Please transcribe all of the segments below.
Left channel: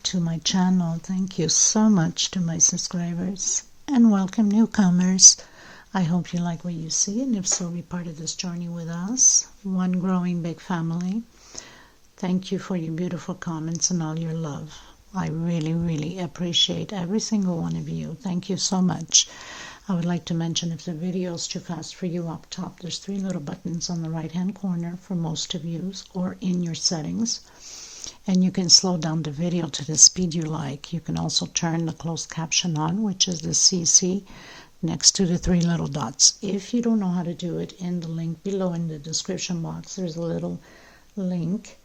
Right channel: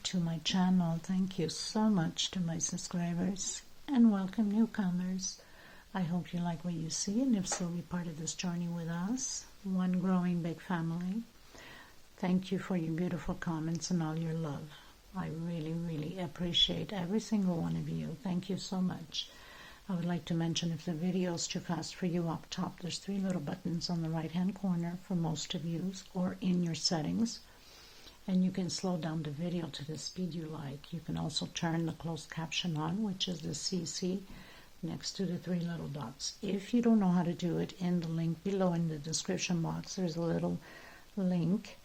back to my channel. Thank you so much to my subscribers and welcome newcomers. I hope you like what you see, and if so, be part of this journey with us, one growing big family. Thank you for your beautiful comments and all your love. I really appreciate every single one of you. Thank you so much. I would like to mention, if the video is too fast for you, up top there's 3 little buttons on the right hand corner for most of you, or in your settings, and you can slow down the video to the speed you like. You can also turn the closed caption on, which is the CC next to the 3 little dots. If you don't know how to do it, in the link below in the description box there's a little link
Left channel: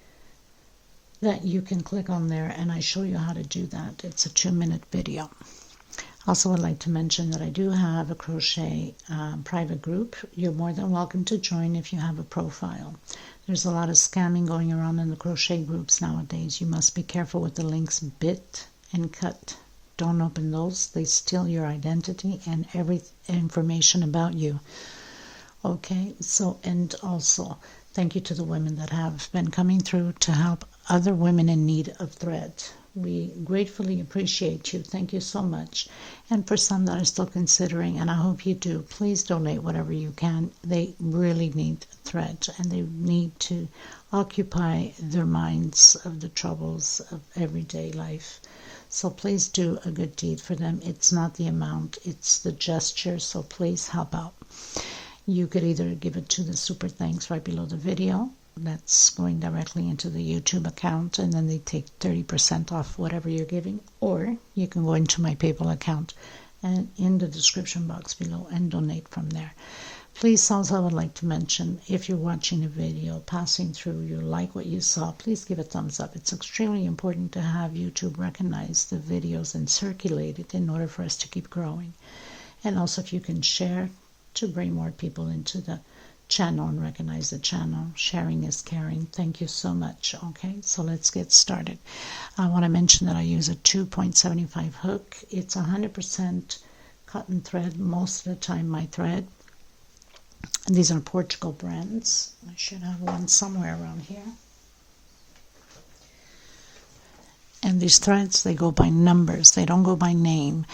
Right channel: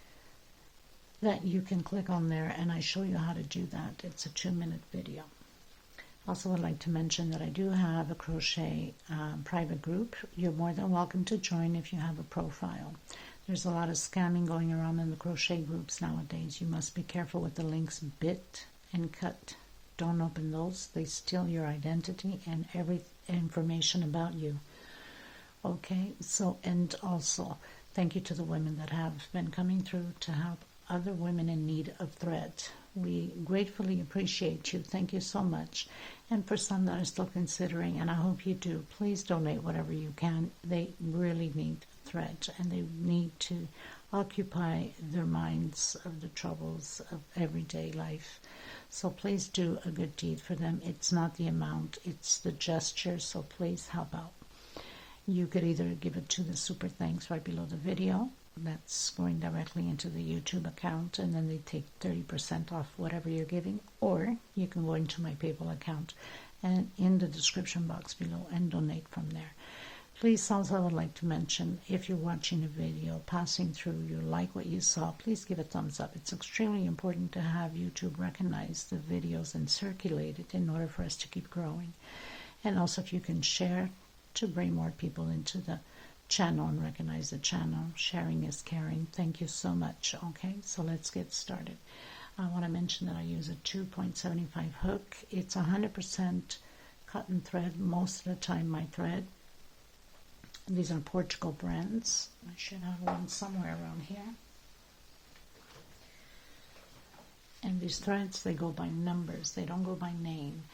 that you can click on there, and I show you how to do that. It's a 2-minute video. Also would like to mention that I do have a crochet private group. You're more than welcome to join if you have a profile. There's a lot of scamming going around in the crochet groups nowadays. You must be careful with the links bit and cut. Don't open those. They steal your identity and every information about you. Okay, so, and also thank you to the women that have been coming through to help other women in need of thread. We gratefully appreciate you. Thank you so much. And for some that are still considering, and I hope you do, please donate whatever you can. They really need thread, and they need to occupy their minds of the troubles of everyday life. So please do a good deed for them. It's not the amount, it's the gesture. So please help out. You could either give it to the super thanks right below the video. That's going directly into the YouTube account, and then they take 30% off whatever you're giving, or you can go into my PayPal account and in the description box below and donate from there. Please, also I would like to mention, if you're watching a video, passing through, you like what you saw, please give a thumbs up. It's extremely important to have YouTube recognize the videos and circulate it in order for us to keep growing. And also, if you can share to bring more people into the channel and recognize the channel. Sharing is caring. Thank you so much. Okay, so let's get started. I want to mention that I use a 2.75 hook. It's 100% cotton thread most of the time, my thread. And these are Portugal brands. I should have one somewhere around here. And these threads, they go by numbers. They don't go by name.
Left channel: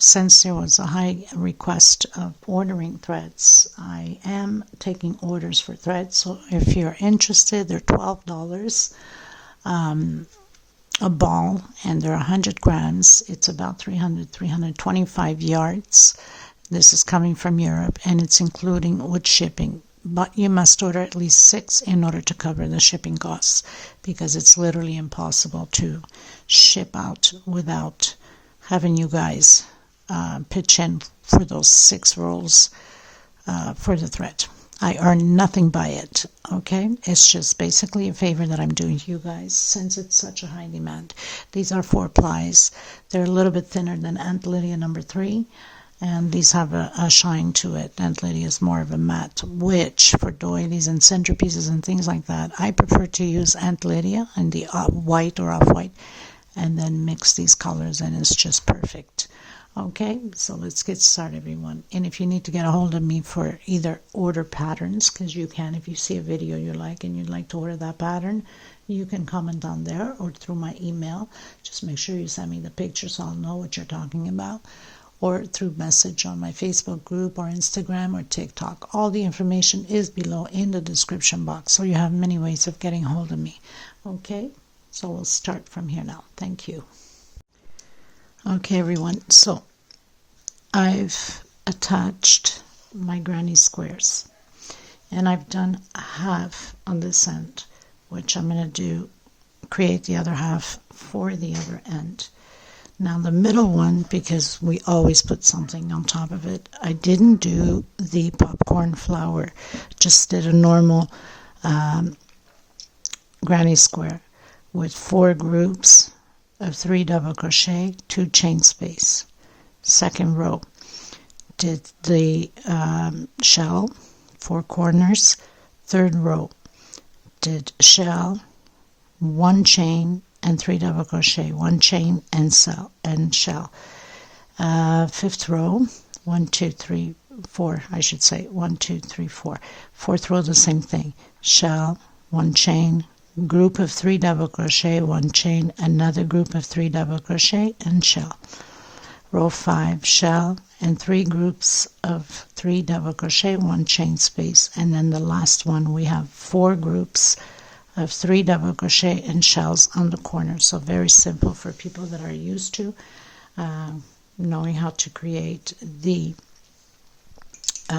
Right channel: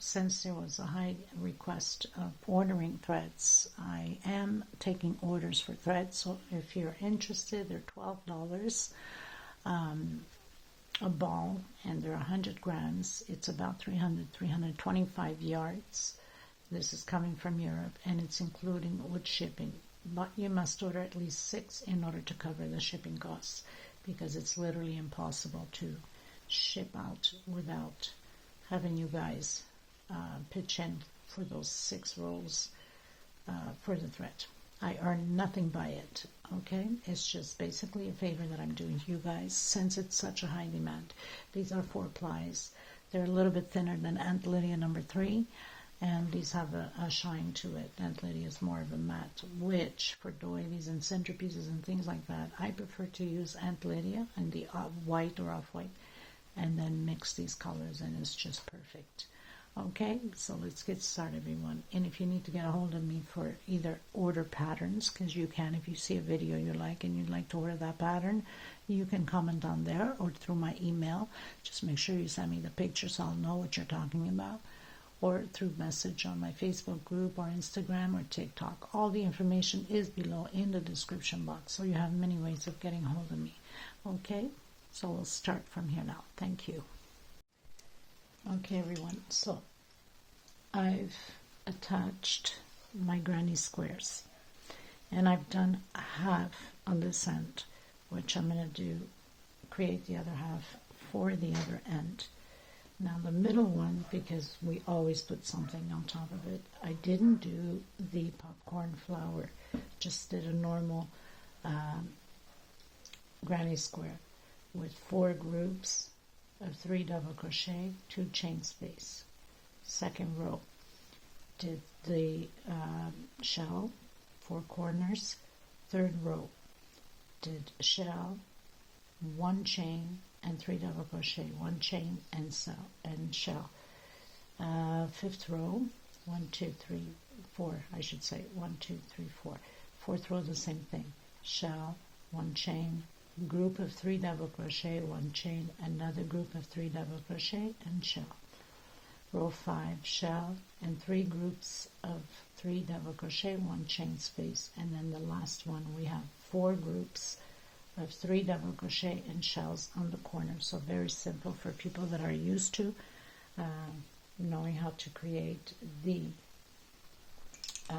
Since there was a high request of ordering threads, I am taking orders for threads. So if you're interested, they're $12 a ball, and they're 100 grams. It's about 325 yards. This is coming from Europe, and it's including with shipping. But you must order at least 6 in order to cover the shipping costs, because it's literally impossible to ship out without having you guys pitch in for those 6 rolls for the thread. I earn nothing by it, okay? It's just basically a favor that I'm doing to you guys since it's such a high demand. These are 4 plies. They're a little bit thinner than Aunt Lydia number 3. And these have a shine to it. Aunt Lydia is more of a matte, which for doilies and centerpieces and things like that, I prefer to use Aunt Lydia in the white or off-white, and then mix these colors, and it's just perfect. Okay, so let's get started, everyone. And if you need to get a hold of me for either order patterns, because you can, if you see a video you like and you'd like to order that pattern, you can comment on there or through my email. Just make sure you send me the picture so I'll know what you're talking about, or through message on my Facebook group or Instagram or TikTok. All the information is below in the description box, so you have many ways of getting hold of me. Okay, so we'll start from here now. Thank you. Okay, everyone, so I've attached my granny squares, and I've done half on this end, which I'm going to create the other half for the other end. Now the middle one, because we always put something on top of it, I didn't do the popcorn flower, just did a normal granny square with 4 groups of 3 double crochet, 2 chain space. Second row, did the shell, 4 corners. Third row, did shell, 1 chain, and 3 double crochet, 1 chain and shell. Fifth row, 1 2 3 4, I should say 1 2 3 4. Fourth row, the same thing, shell, 1 chain, group of 3 double crochet, 1 chain, another group of 3 double crochet, and shell. Row 5, shell, and 3 groups of 3 double crochet, 1 chain space, and then the last one we have 4 groups of 3 double crochet and shells on the corner. So very simple for people that are used to knowing how to create the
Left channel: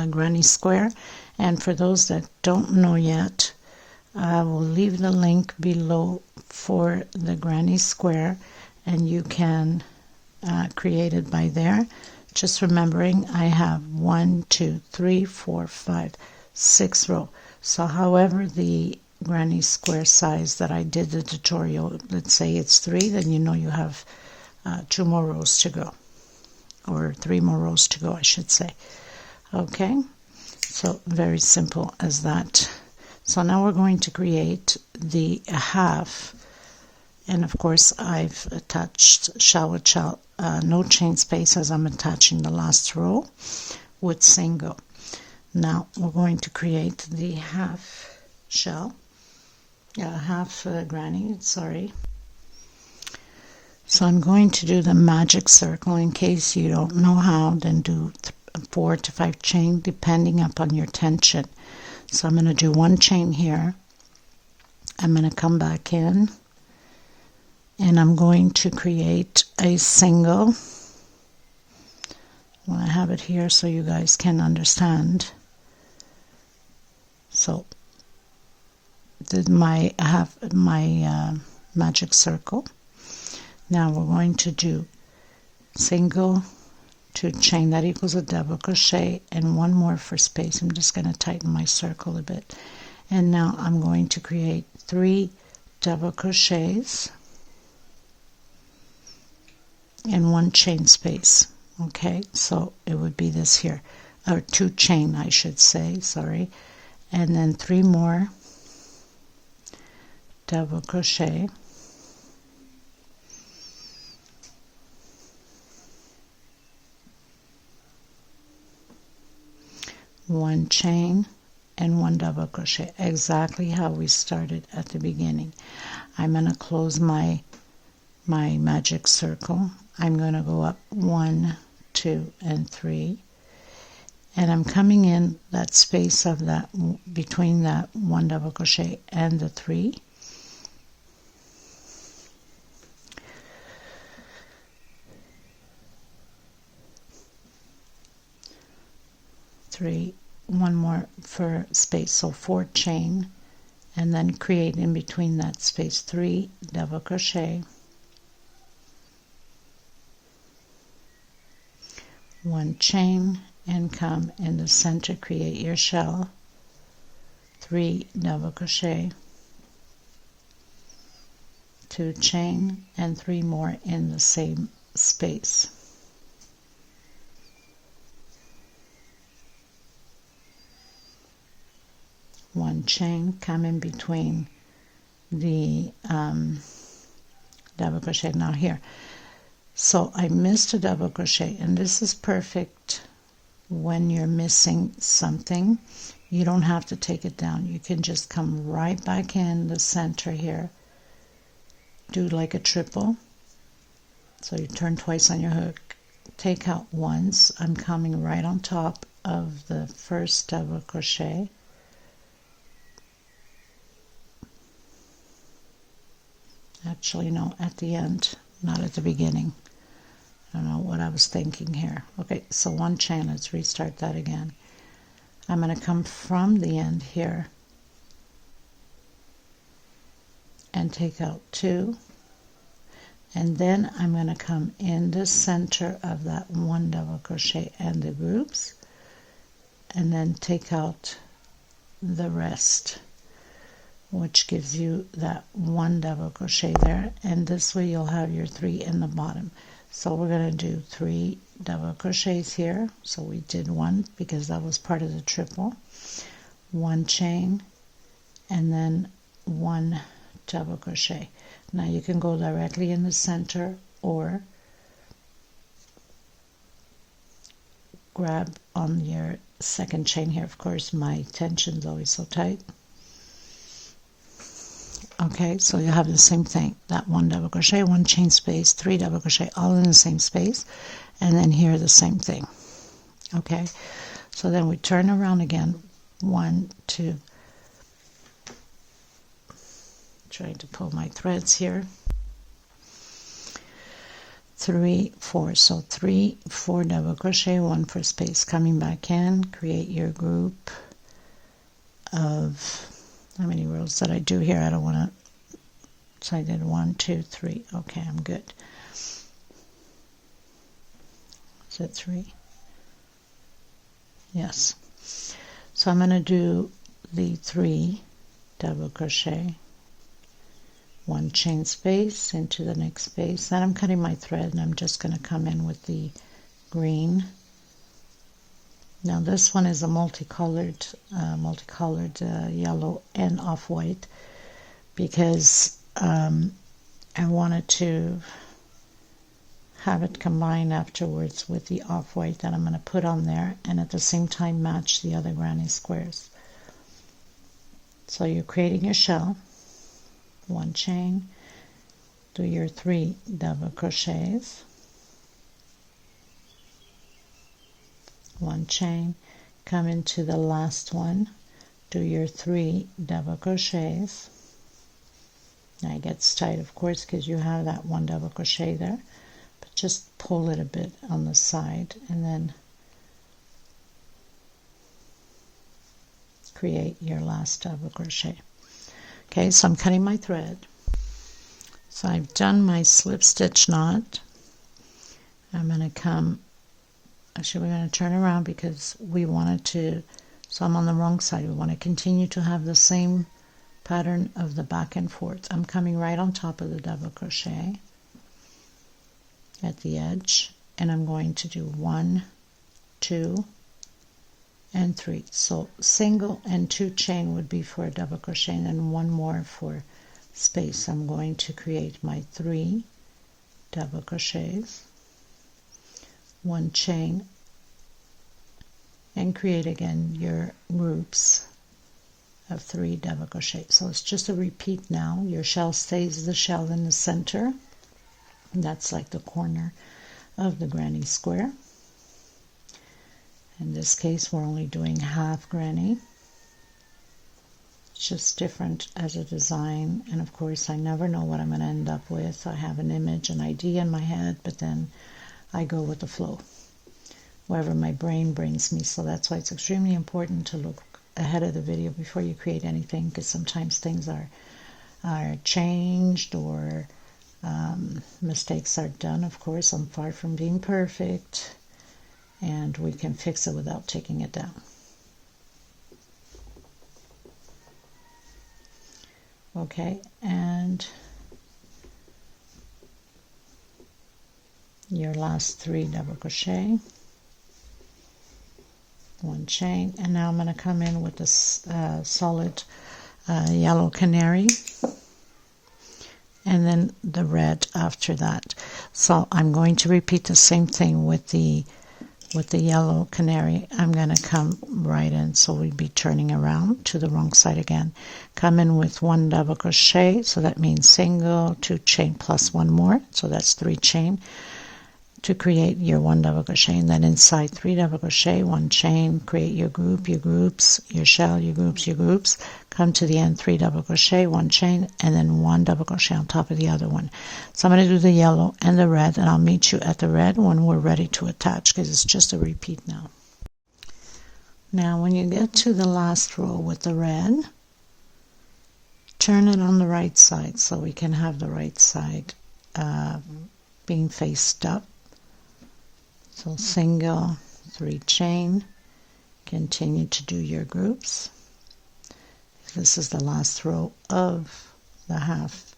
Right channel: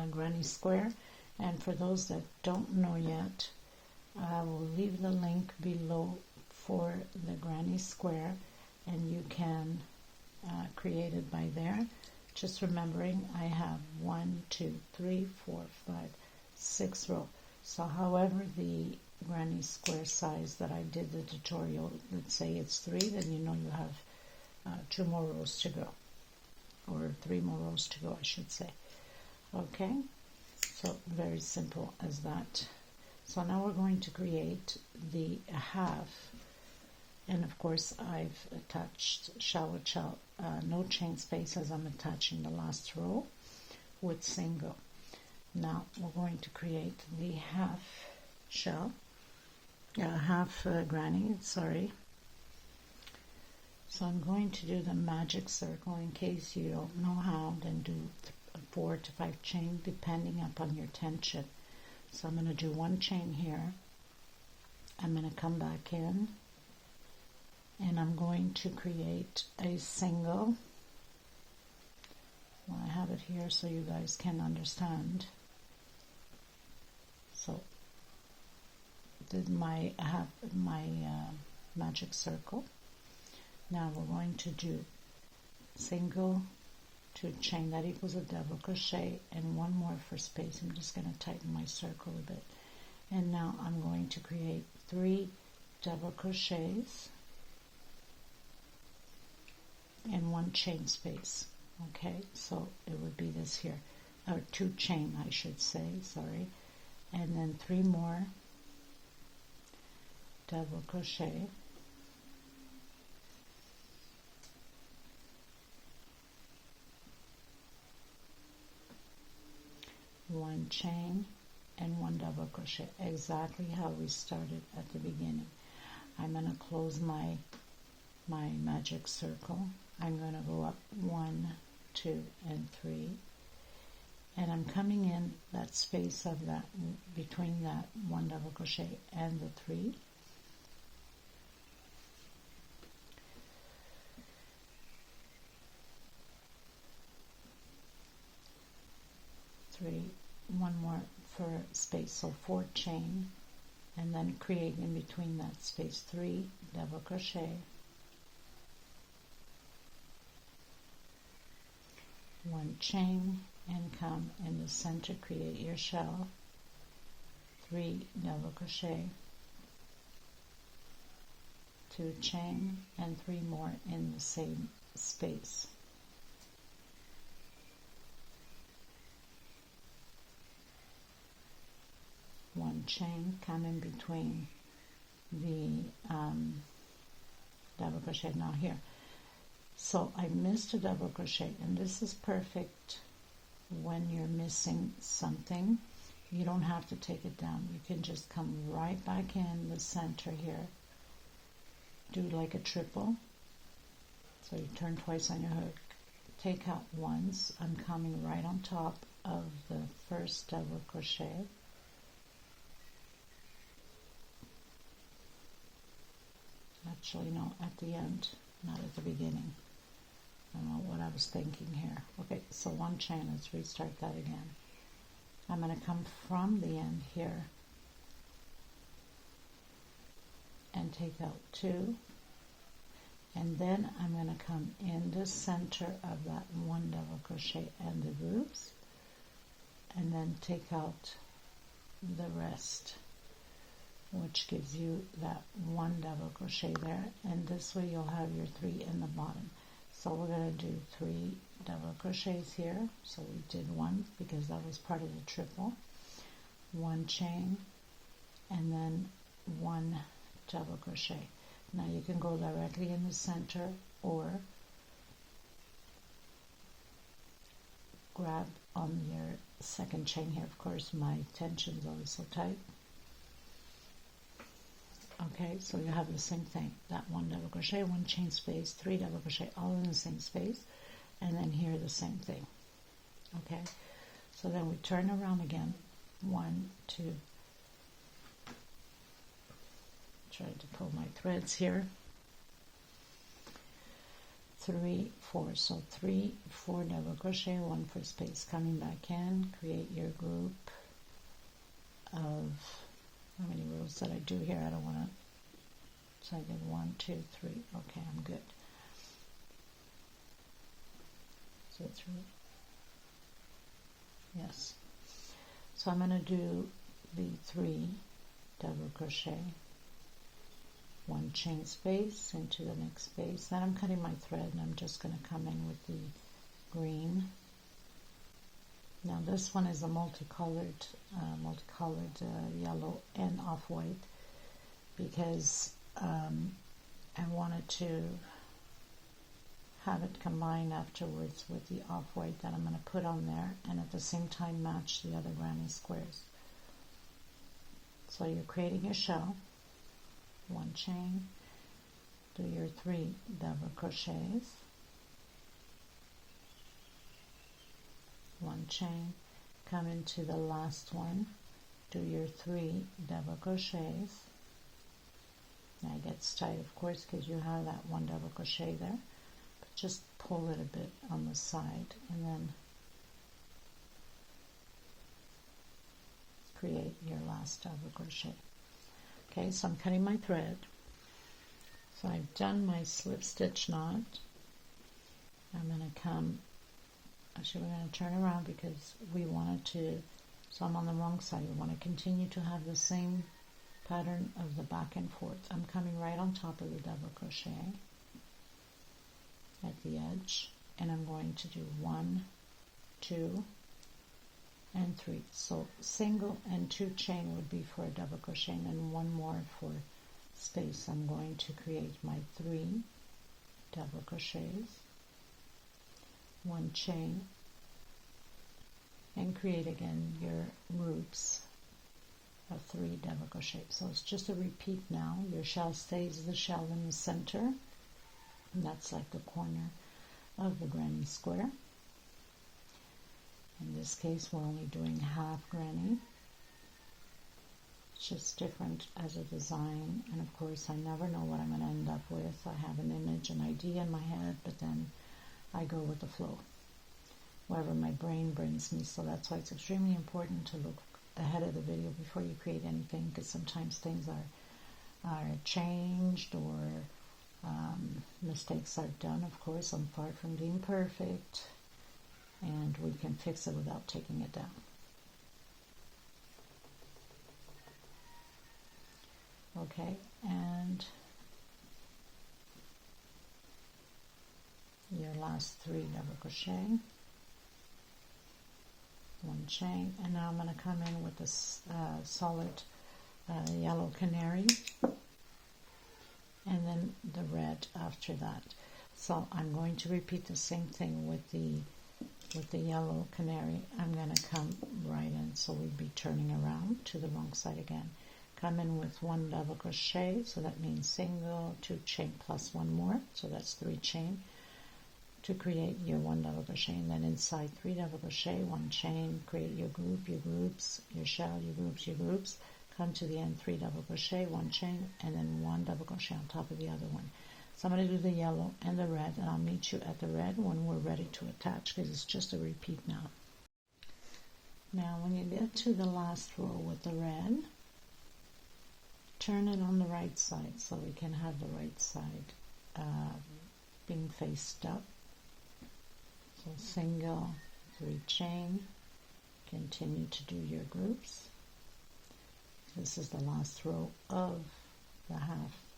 granny square. And for those that don't know yet, I will leave the link below for the granny square, and you can create it by there. Just remembering I have 1, 2, 3, 4, 5, 6 rows. So however the granny square size that I did the tutorial, let's say it's 3, then you know you have 2 more rows to go, or 3 more rows to go, I should say. Okay, so very simple as that. So now we're going to create the half, and of course I've attached shell with shell, no chain space, as I'm attaching the last row with single. Now we're going to create the half shell, half granny, sorry. So I'm going to do the magic circle. In case you don't know how, then do 4 to 5 chain depending upon your tension. So I'm going to do 1 chain here. I'm going to come back in, and I'm going to create a single. Well, I have it here so you guys can understand. So did my magic circle. Now we're going to do single, 2 chain, that equals a double crochet, and 1 more for space. I'm just going to tighten my circle a bit. And now I'm going to create 3 double crochets and 1 chain space. Okay, so it would be this here, or 2 chain I should say, sorry, and then 3 more double crochet, one chain, and 1 double crochet, exactly how we started at the beginning. I'm going to close my magic circle. I'm going to go up 1, 2, and 3, and I'm coming in that space of that, between that 1 double crochet and the 3. One more for space, so 4 chain, and then create in between that space 3 double crochet, 1 chain, and come in the center, create your shell, 3 double crochet, 2 chain, and 3 more in the same space. One chain, come in between the double crochet. Now here, so I missed a double crochet, and this is perfect when you're missing something. You don't have to take it down. You can just come right back in the center here, do like a triple. So you turn twice on your hook, take out once. I'm coming right on top of the first double crochet, actually no, at the end, not at the beginning. I don't know what I was thinking here. Okay, so 1 chain, let's restart that again. I'm going to come from the end here and take out 2, and then I'm going to come in the center of that 1 double crochet and the groups, and then take out the rest, which gives you that 1 double crochet there, and this way you'll have your 3 in the bottom. So we're going to do 3 double crochets here. So we did 1 because that was part of the triple, 1 chain, and then 1 double crochet. Now you can go directly in the center or grab on your second chain here. Of course, my tension's always so tight. Okay, so you have the same thing, that 1 double crochet, 1 chain space, 3 double crochet, all in the same space, and then here the same thing. Okay, so then we turn around again, 1, 2, trying to pull my threads here, 3, 4, so 3, 4 double crochet, 1 for space, coming back in, create your group of, how many rows did I do here? I don't want to, so I did 1, 2, 3, okay, I'm good. Is it 3? Yes. So I'm going to do the 3 double crochet, 1 chain space into the next space. Then I'm cutting my thread and I'm just going to come in with the green. Now this one is a multicolored yellow and off-white because I wanted to have it combined afterwards with the off-white that I'm going to put on there, and at the same time match the other granny squares. So you're creating your shell, 1 chain, do your 3 double crochets, 1 chain, come into the last one, do your 3 double crochets. Now it gets tight, of course, because you have that 1 double crochet there, but just pull it a bit on the side and then create your last double crochet. Okay, so I'm cutting my thread. So I've done my slip stitch knot. I'm going to come, actually we're going to turn around because we wanted to, so I'm on the wrong side. We want to continue to have the same pattern of the back and forth. I'm coming right on top of the double crochet at the edge, and I'm going to do 1, 2, and 3. So single and 2 chain would be for a double crochet, and then 1 more for space. I'm going to create my 3 double crochets, 1 chain, and create again your groups of 3 double crochet. So it's just a repeat now. Your shell stays the shell in the center, and that's like the corner of the granny square. In this case we're only doing half granny. It's just different as a design, and of course I never know what I'm going to end up with. I have an image, an idea in my head, but then I go with the flow, wherever my brain brings me. So that's why it's extremely important to look ahead of the video before you create anything, because sometimes things are changed or mistakes are done. Of course, I'm far from being perfect, and we can fix it without taking it down. Okay, and your last 3 double crochet, 1 chain, and now I'm going to come in with this solid yellow canary, and then the red after that. So I'm going to repeat the same thing with the yellow canary. I'm going to come right in, so we'd be turning around to the wrong side again. Come in with 1 double crochet, so that means single, 2 chain plus 1 more, so that's 3 chain to create your 1 double crochet, and then inside 3 double crochet, 1 chain, create your group, your groups, your shell, your groups, come to the end, 3 double crochet, 1 chain, and then 1 double crochet on top of the other one. So I'm going to do the yellow and the red, and I'll meet you at the red when we're ready to attach, because it's just a repeat now. Now when you get to the last row with the red, turn it on the right side so we can have the right side being faced up. So single, 3 chain, continue to do your groups. This is the last row of the half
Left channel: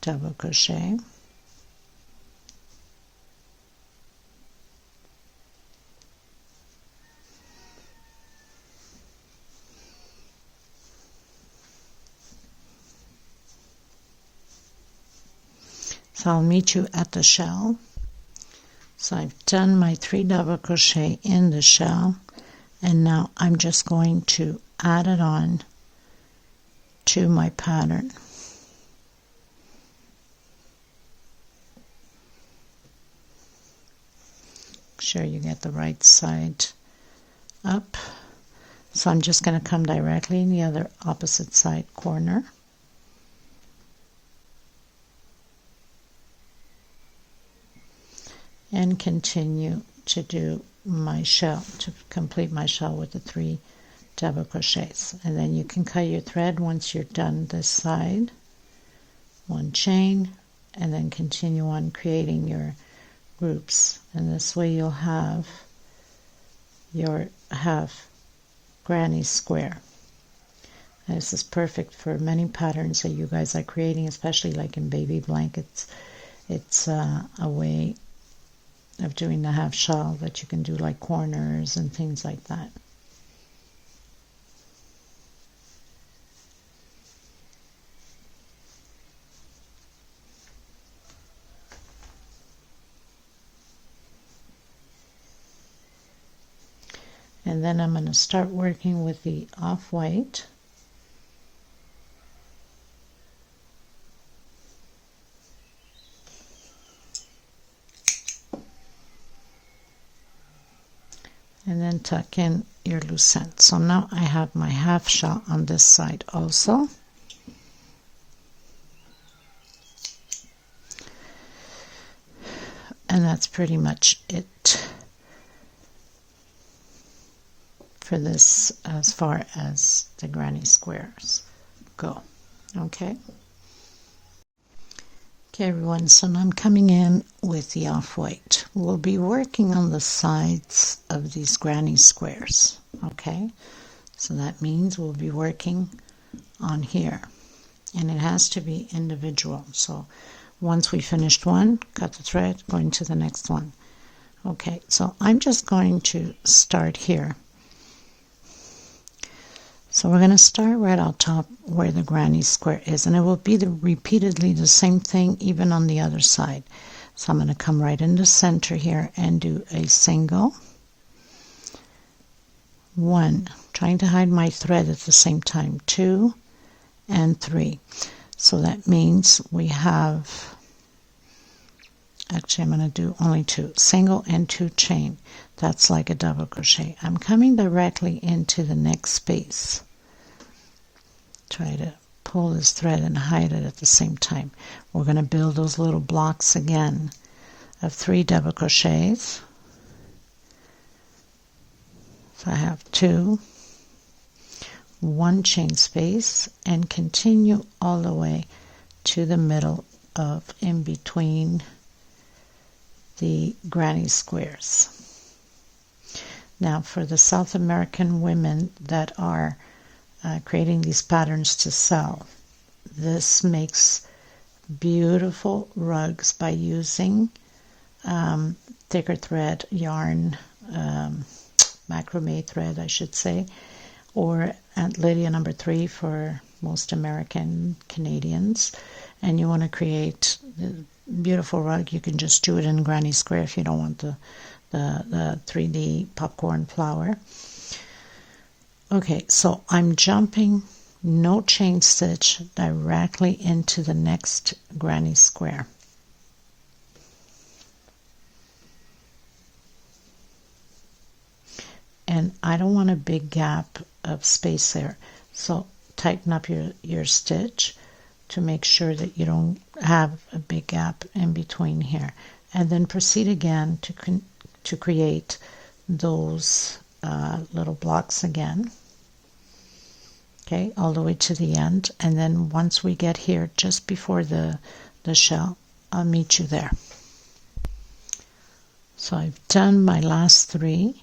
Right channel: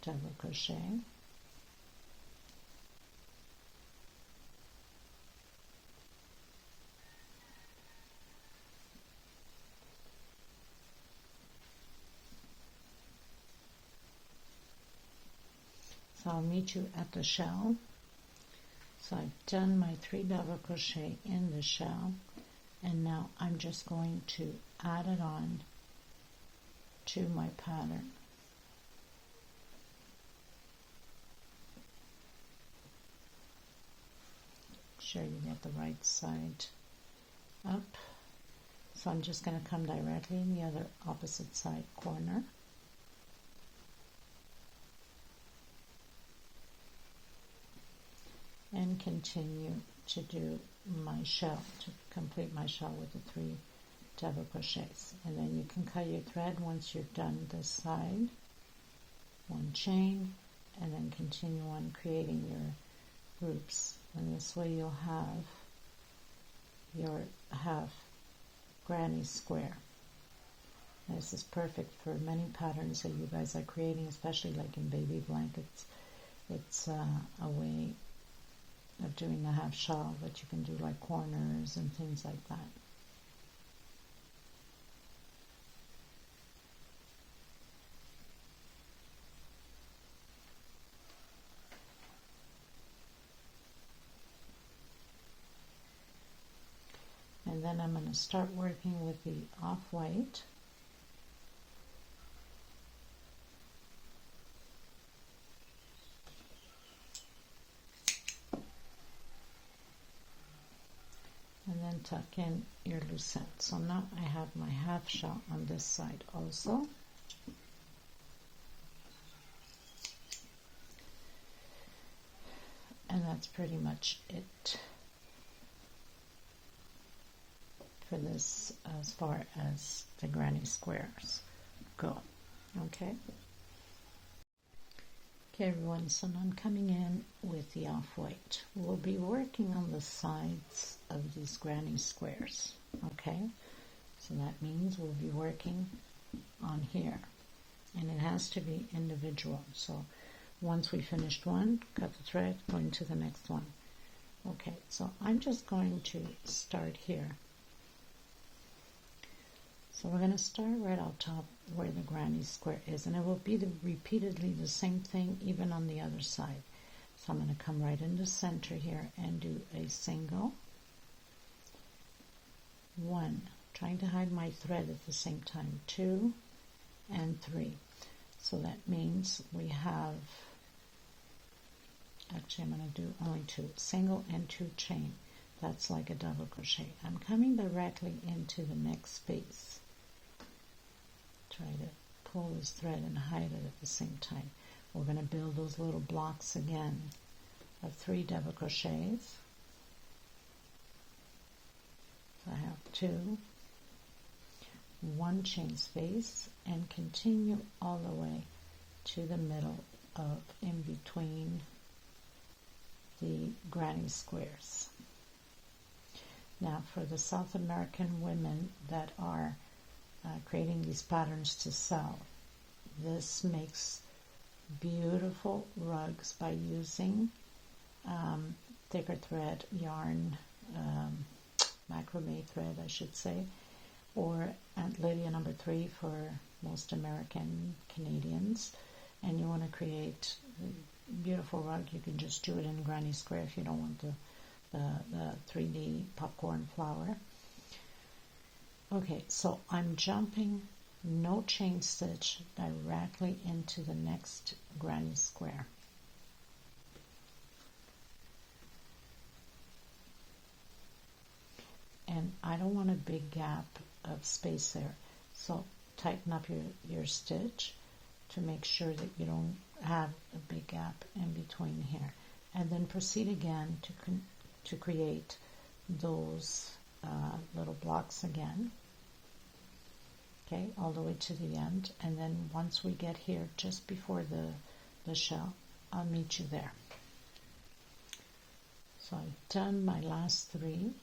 double crochet. So I'll meet you at the shell. So I've done my 3 double crochet in the shell, and now I'm just going to add it on to my pattern. sure you get the right side up. So I'm just going to come directly in the other opposite side corner. And continue to do my shell, to complete my shell with the 3 double crochets. And then you can cut your thread once you're done this side, 1 chain, and then continue on creating your groups. And this way you'll have your half granny square. And this is perfect for many patterns that you guys are creating, especially like in baby blankets. It's a way of doing the half shell that you can do like corners and things like that. And then I'm going to start working with the off-white. And then tuck in your loose end. So now I have my half shell on this side also. And that's pretty much it for this as far as the granny squares go. Okay. Okay everyone, so now I'm coming in with the off-white. We'll be working on the sides of these granny squares. Okay, so that means we'll be working on here, and it has to be individual. So once we finished one, cut the thread, going to the next one. Okay, so I'm just going to start here. So we're going to start right on top where the granny square is, and it will be repeatedly the same thing even on the other side. So I'm going to come right in the center here and do a single, 1, trying to hide my thread at the same time, 2 and 3. So that means we have, actually I'm going to do only 2, single and 2 chain. That's like a double crochet. I'm coming directly into the next space. Try to pull this thread and hide it at the same time. We're going to build those little blocks again of 3 double crochets. So I have 2, 1 chain space, and continue all the way to the middle of in between the granny squares. Now for the South American women that are creating these patterns to sell, this makes beautiful rugs by using thicker thread, yarn, macrame thread I should say, or Aunt Lydia number 3 for most American Canadians. And you want to create a beautiful rug, you can just do it in granny square if you don't want the 3D popcorn flower. Okay, so I'm jumping, no chain stitch, directly into the next granny square. And I don't want a big gap of space there, so tighten up your stitch to make sure that you don't have a big gap in between here, and then proceed again to create those little blocks again. Okay, all the way to the end, and then once we get here just before the shell, I'll meet you there. So I've done my last 3.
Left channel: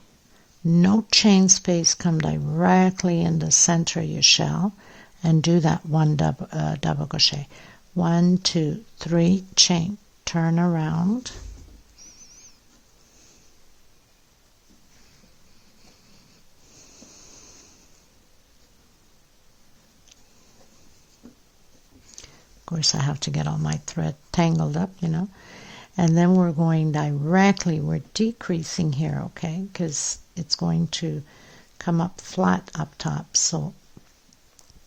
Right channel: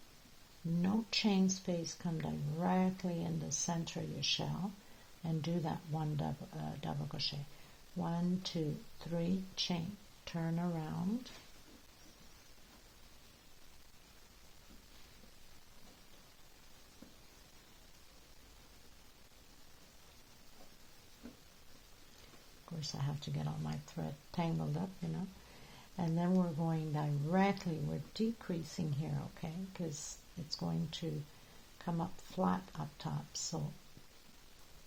No chain space, come directly in the center of your shell and do that 1 double crochet. 1, 2, 3 chain, turn around, of course I have to get all my thread tangled up, you know, and then we're going directly, we're decreasing here, okay, because it's going to come up flat up top. So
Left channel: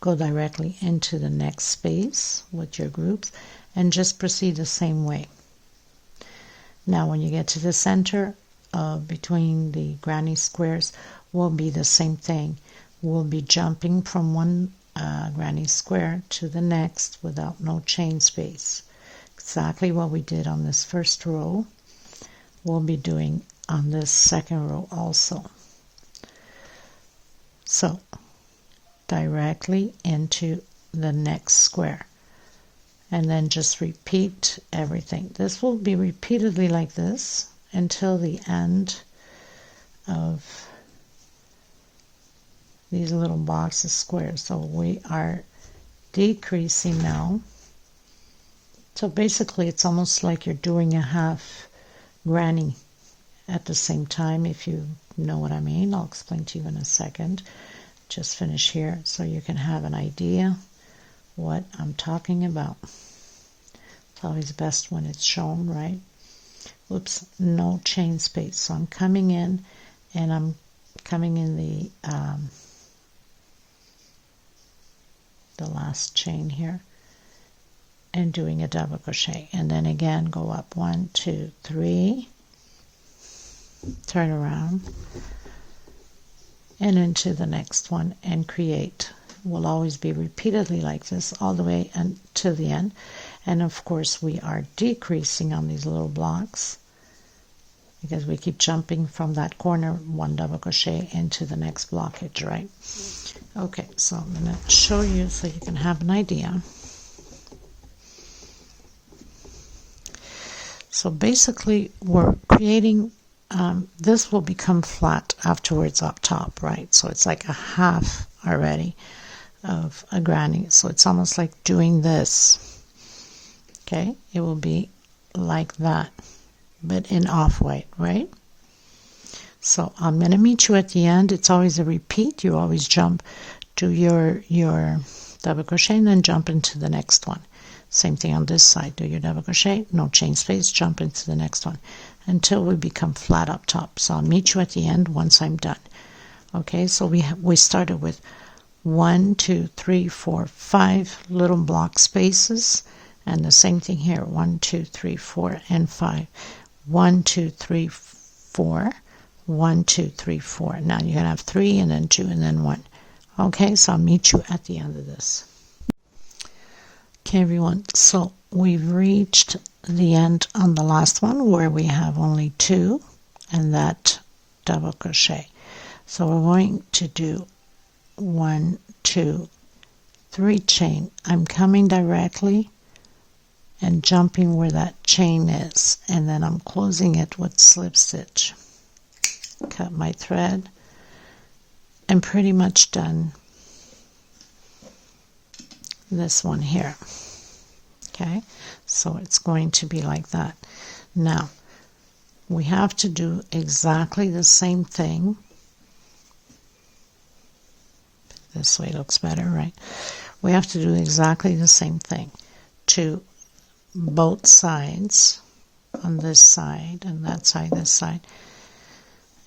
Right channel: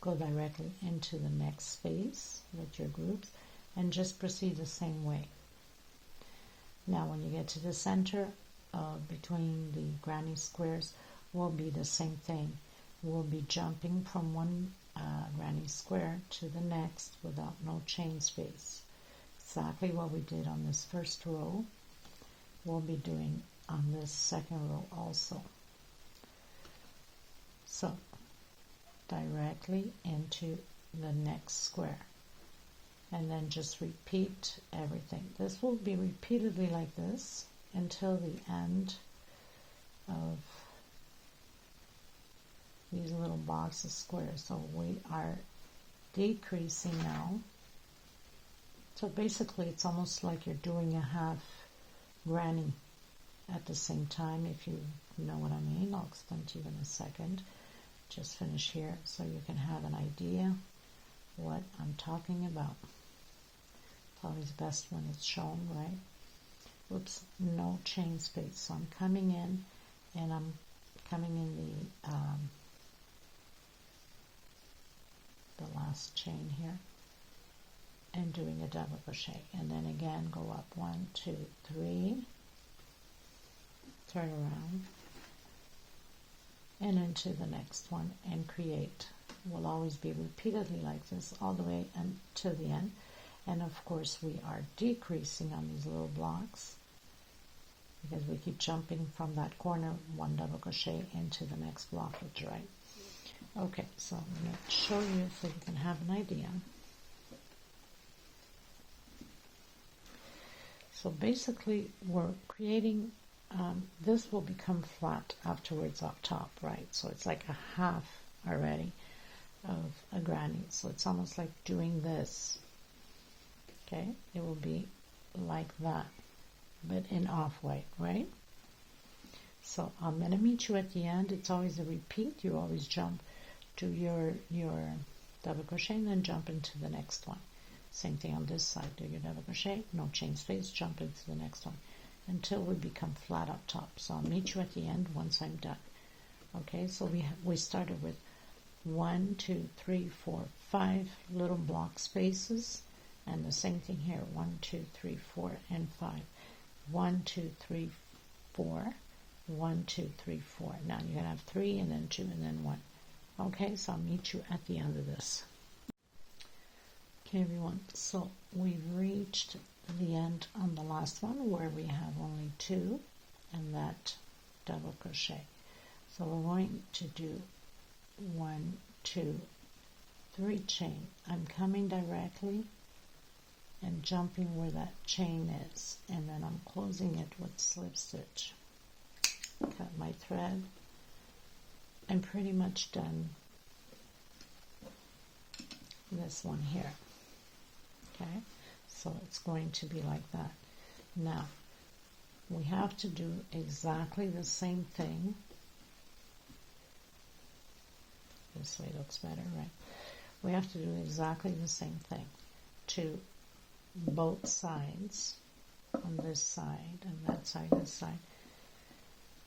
go directly into the next space with your groups and just proceed the same way. Now when you get to the center, between the granny squares will be the same thing. We'll be jumping from one granny square to the next without no chain space. Exactly what we did on this first row, we'll be doing on this second row also. So directly into the next square, and then just repeat everything. This will be repeatedly like this until the end of these little boxes squares. So we are decreasing now. So basically it's almost like you're doing a half granny at the same time, if you know what I mean. I'll explain to you in a second. Just finish here so you can have an idea what I'm talking about. It's always best when it's shown, right? Oops, no chain space. So I'm coming in, and I'm coming in the last chain here and doing a double crochet, and then again go up 1, 2, 3, turn around and into the next one and create. Will always be repeatedly like this all the way to the end. And of course we are decreasing on these little blocks because we keep jumping from that corner, one double crochet into the next blockage, right? Okay, so I'm going to show you so you can have an idea. So basically we're creating, this will become flat afterwards up top, right? So it's like a half already of a granny. So it's almost like doing this. Okay, it will be like that, but in off-white, right? So I'm going to meet you at the end. It's always a repeat. You always jump, do your double crochet, and then jump into the next one. Same thing on this side. Do your double crochet, no chain space, jump into the next one until we become flat up top. So I'll meet you at the end once I'm done. Okay, so we started with 1, 2, 3, 4, 5 little block spaces, and the same thing here. 1, 2, 3, 4, and 5. 1, 2, 3, 4. 1, 2, 3, 4. Now you're gonna have 3, and then 2, and then 1. Okay, so I'll meet you at the end of this. Okay, everyone, so we've reached the end on the last one where we have only 2 and that double crochet. So we're going to do 1, 2, 3 chain. I'm coming directly and jumping where that chain is, and then I'm closing it with slip stitch. Cut my thread. I'm pretty much done this one here. Okay, so it's going to be like that. Now we have to do exactly the same thing. This way looks better, right? We have to do exactly the same thing to both sides, on this side and that side, this side,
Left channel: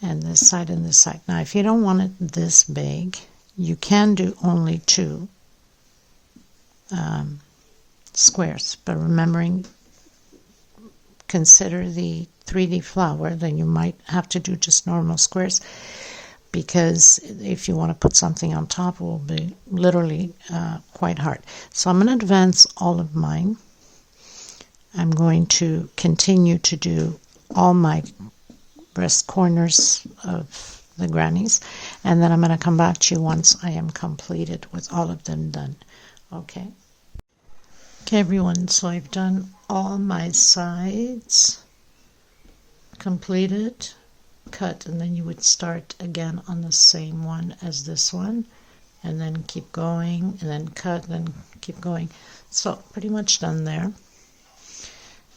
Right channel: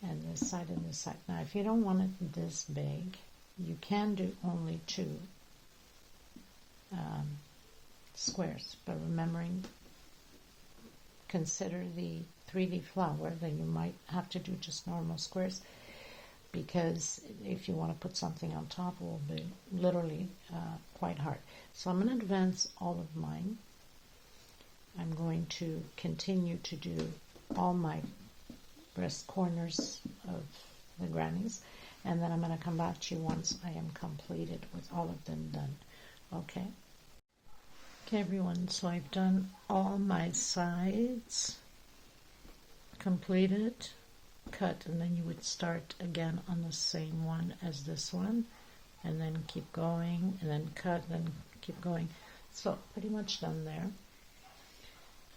and this side and this side. Now if you don't want it this big, you can do only 2 squares, but remembering, consider the 3D flower, then you might have to do just normal squares, because if you want to put something on top, it will be literally quite hard. So I'm going to advance all of mine. I'm going to continue to do all my breast corners of the grannies, and then I'm going to come back to you once I am completed with all of them done. Okay. Okay, everyone, so I've done all my sides, completed, cut, and then you would start again on the same one as this one, and then keep going, and then cut, then keep going. So pretty much done there,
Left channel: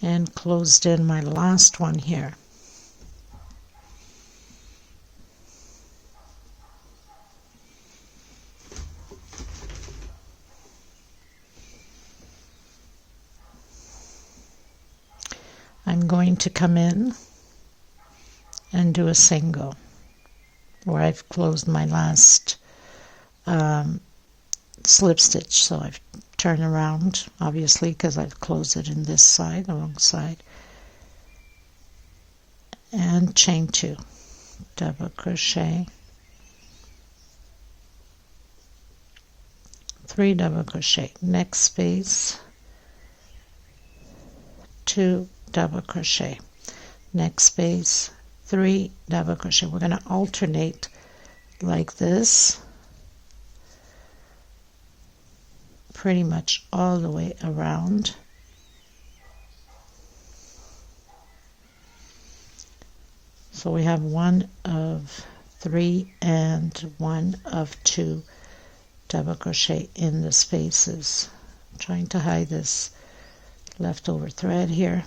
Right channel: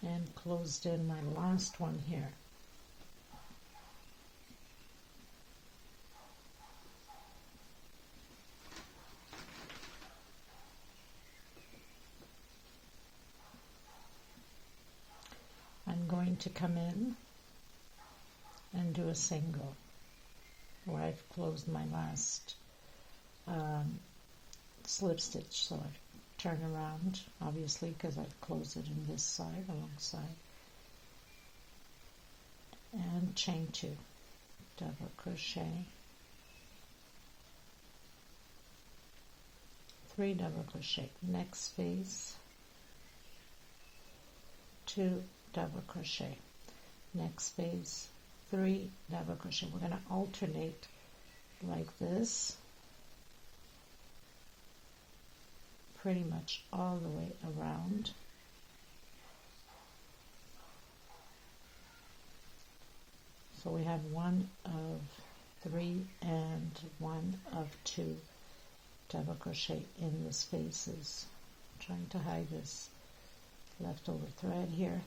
and closed in my last one here. I'm going to come in and do a single where I've closed my last slip stitch. So I've turned around, obviously, because I've closed it in this side, the wrong side, and chain 2, double crochet, 3 double crochet, next space, 2 double crochet, next space, 3 double crochet. We're going to alternate like this pretty much all the way around. So we have 1 of 3 and 1 of 2 double crochet in the spaces. I'm trying to hide this leftover thread here.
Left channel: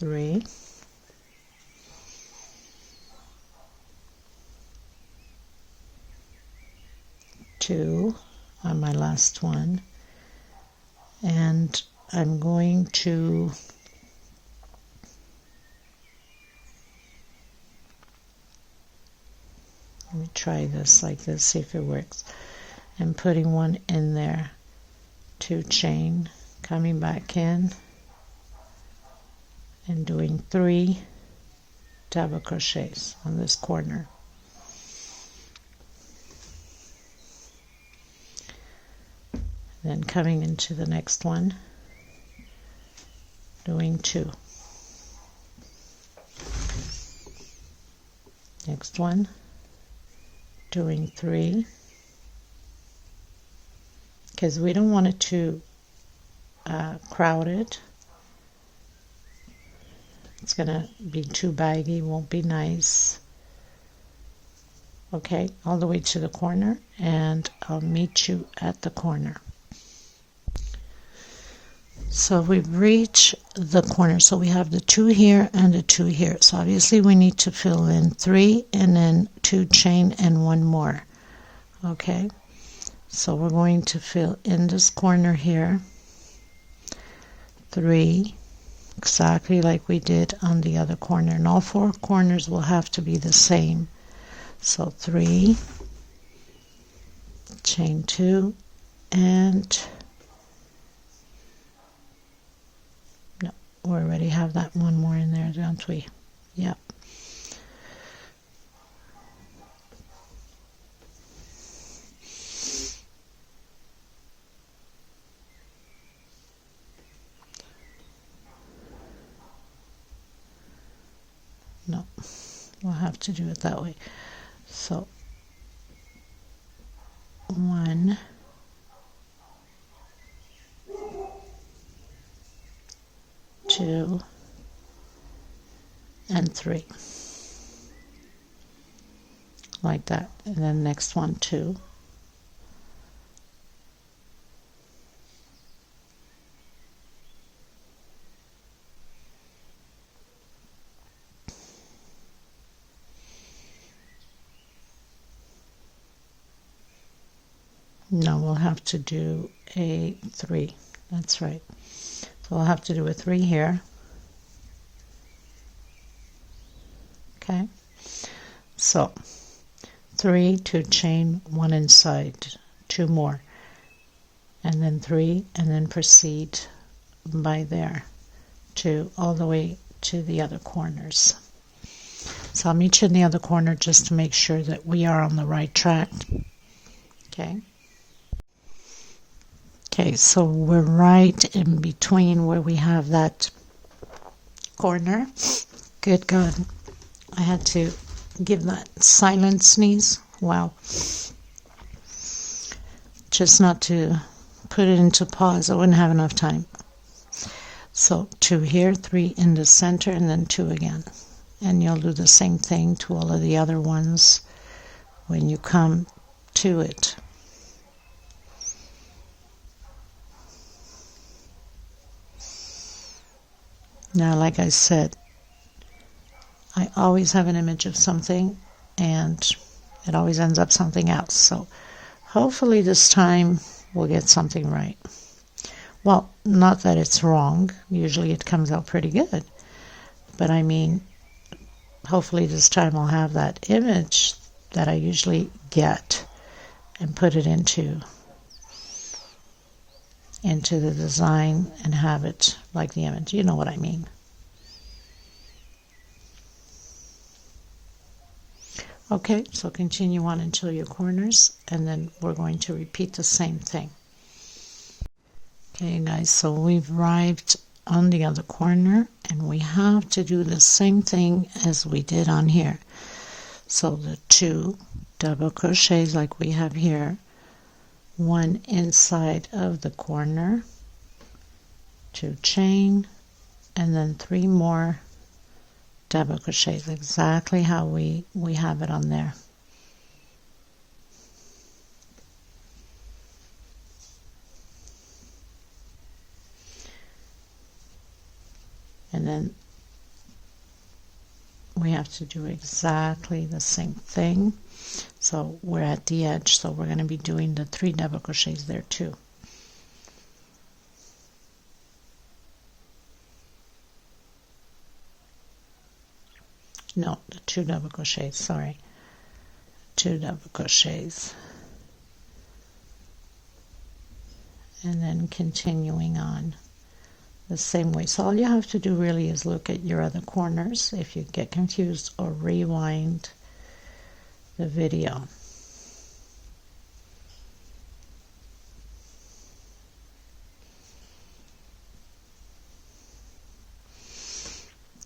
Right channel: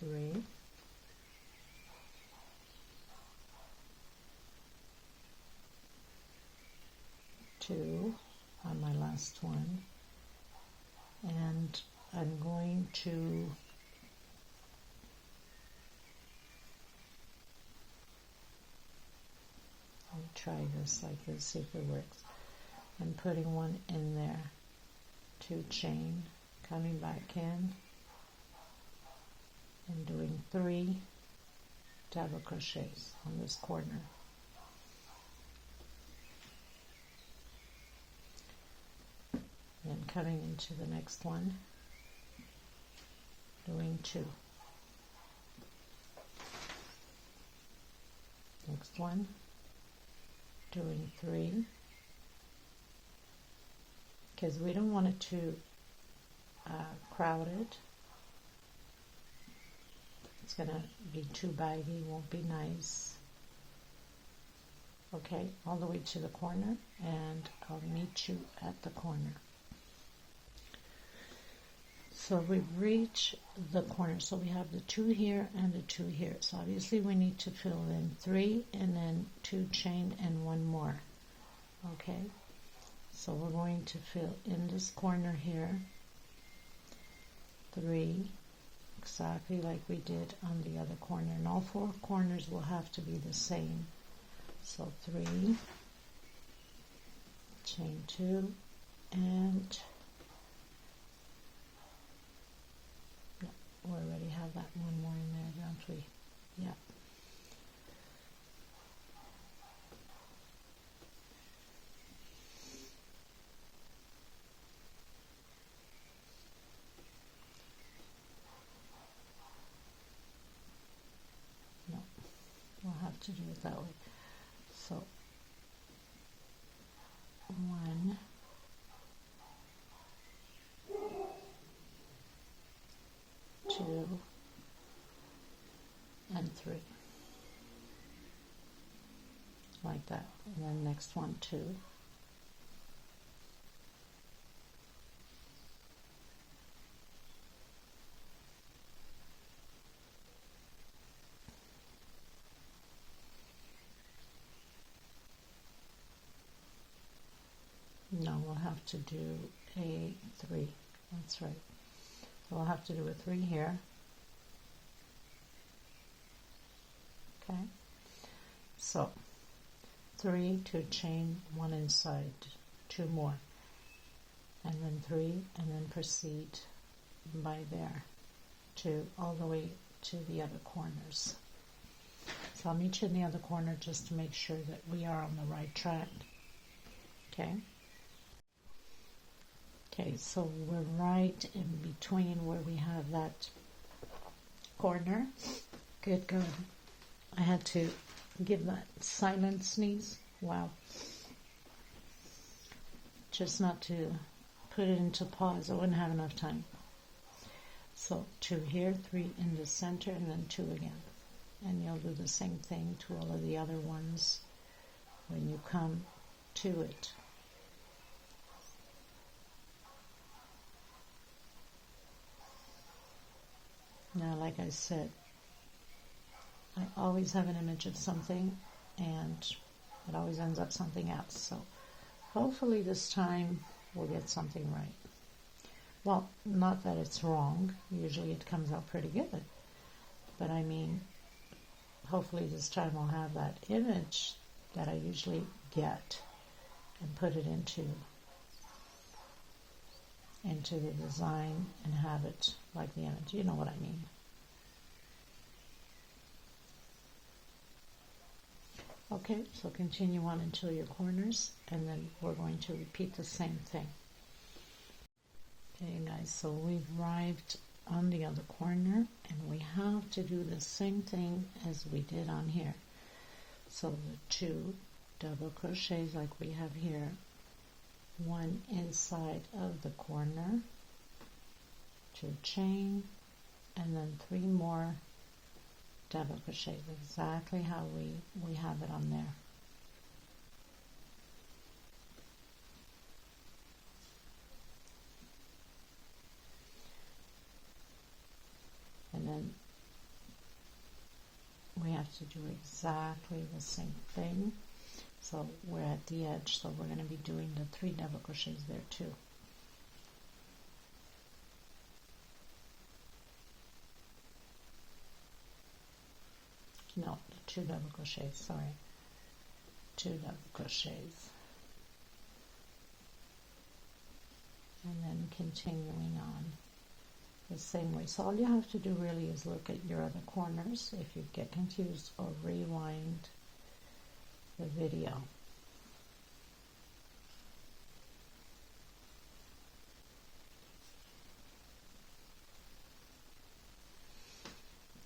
Three, 2 on my last one, and I'm going to let me try this like this, see if it works. I'm putting 1 in there, 2 chain, coming back in and doing 3 double crochets on this corner. Then coming into the next one, doing 2. Next one, doing 3, because we don't want it to crowd it. It's gonna be too baggy, won't be nice. Okay, all the way to the corner, and I'll meet you at the corner. So we've reached the corner, so we have the 2 here and the 2 here. So obviously we need to fill in 3 and then 2 chain and 1 more. Okay, so we're going to fill in this corner here, 3, exactly like we did on the other corner, and all 4 corners will have to be the same. So 3, chain 2, and no, we already have that 1 more in there, don't we? Yep. No, we'll have to do it that way. So 1, 2, and 3, like that, and then next one 2, no, we'll have to do a 3, that's right. So we'll have to do a 3 here. Okay, so 3, 2 chain, 1 inside, 2 more, and then 3, and then proceed by there to all the way to the other corners. So I'll meet you in the other corner just to make sure that we are on the right track. Okay. Okay, so we're right in between where we have that corner. Good God, I had to give that silent sneeze. Wow. Just not to put it into pause, I wouldn't have enough time. So 2 here, 3 in the center, and then 2 again. And you'll do the same thing to all of the other ones when you come to it. Now, like I said, I always have an image of something and it always ends up something else. So hopefully this time we'll get something right. Well, not that it's wrong. Usually it comes out pretty good. But I mean, hopefully this time I'll have that image that I usually get and put it into the design and have it like the image. You know what I mean. Okay, so continue on until your corners, and then we're going to repeat the same thing. Okay, guys, so we've arrived on the other corner, and we have to do the same thing as we did on here. So the 2 double crochets like we have here, 1 inside of the corner, 2 chain, and then 3 more double crochets, exactly how we have it on there. And then we have to do exactly the same thing. So we're at the edge, so we're going to be doing the 3 double crochets there too. No, the 2 double crochets, sorry. 2 double crochets. And then continuing on the same way. So all you have to do really is look at your other corners if you get confused, or rewind the video.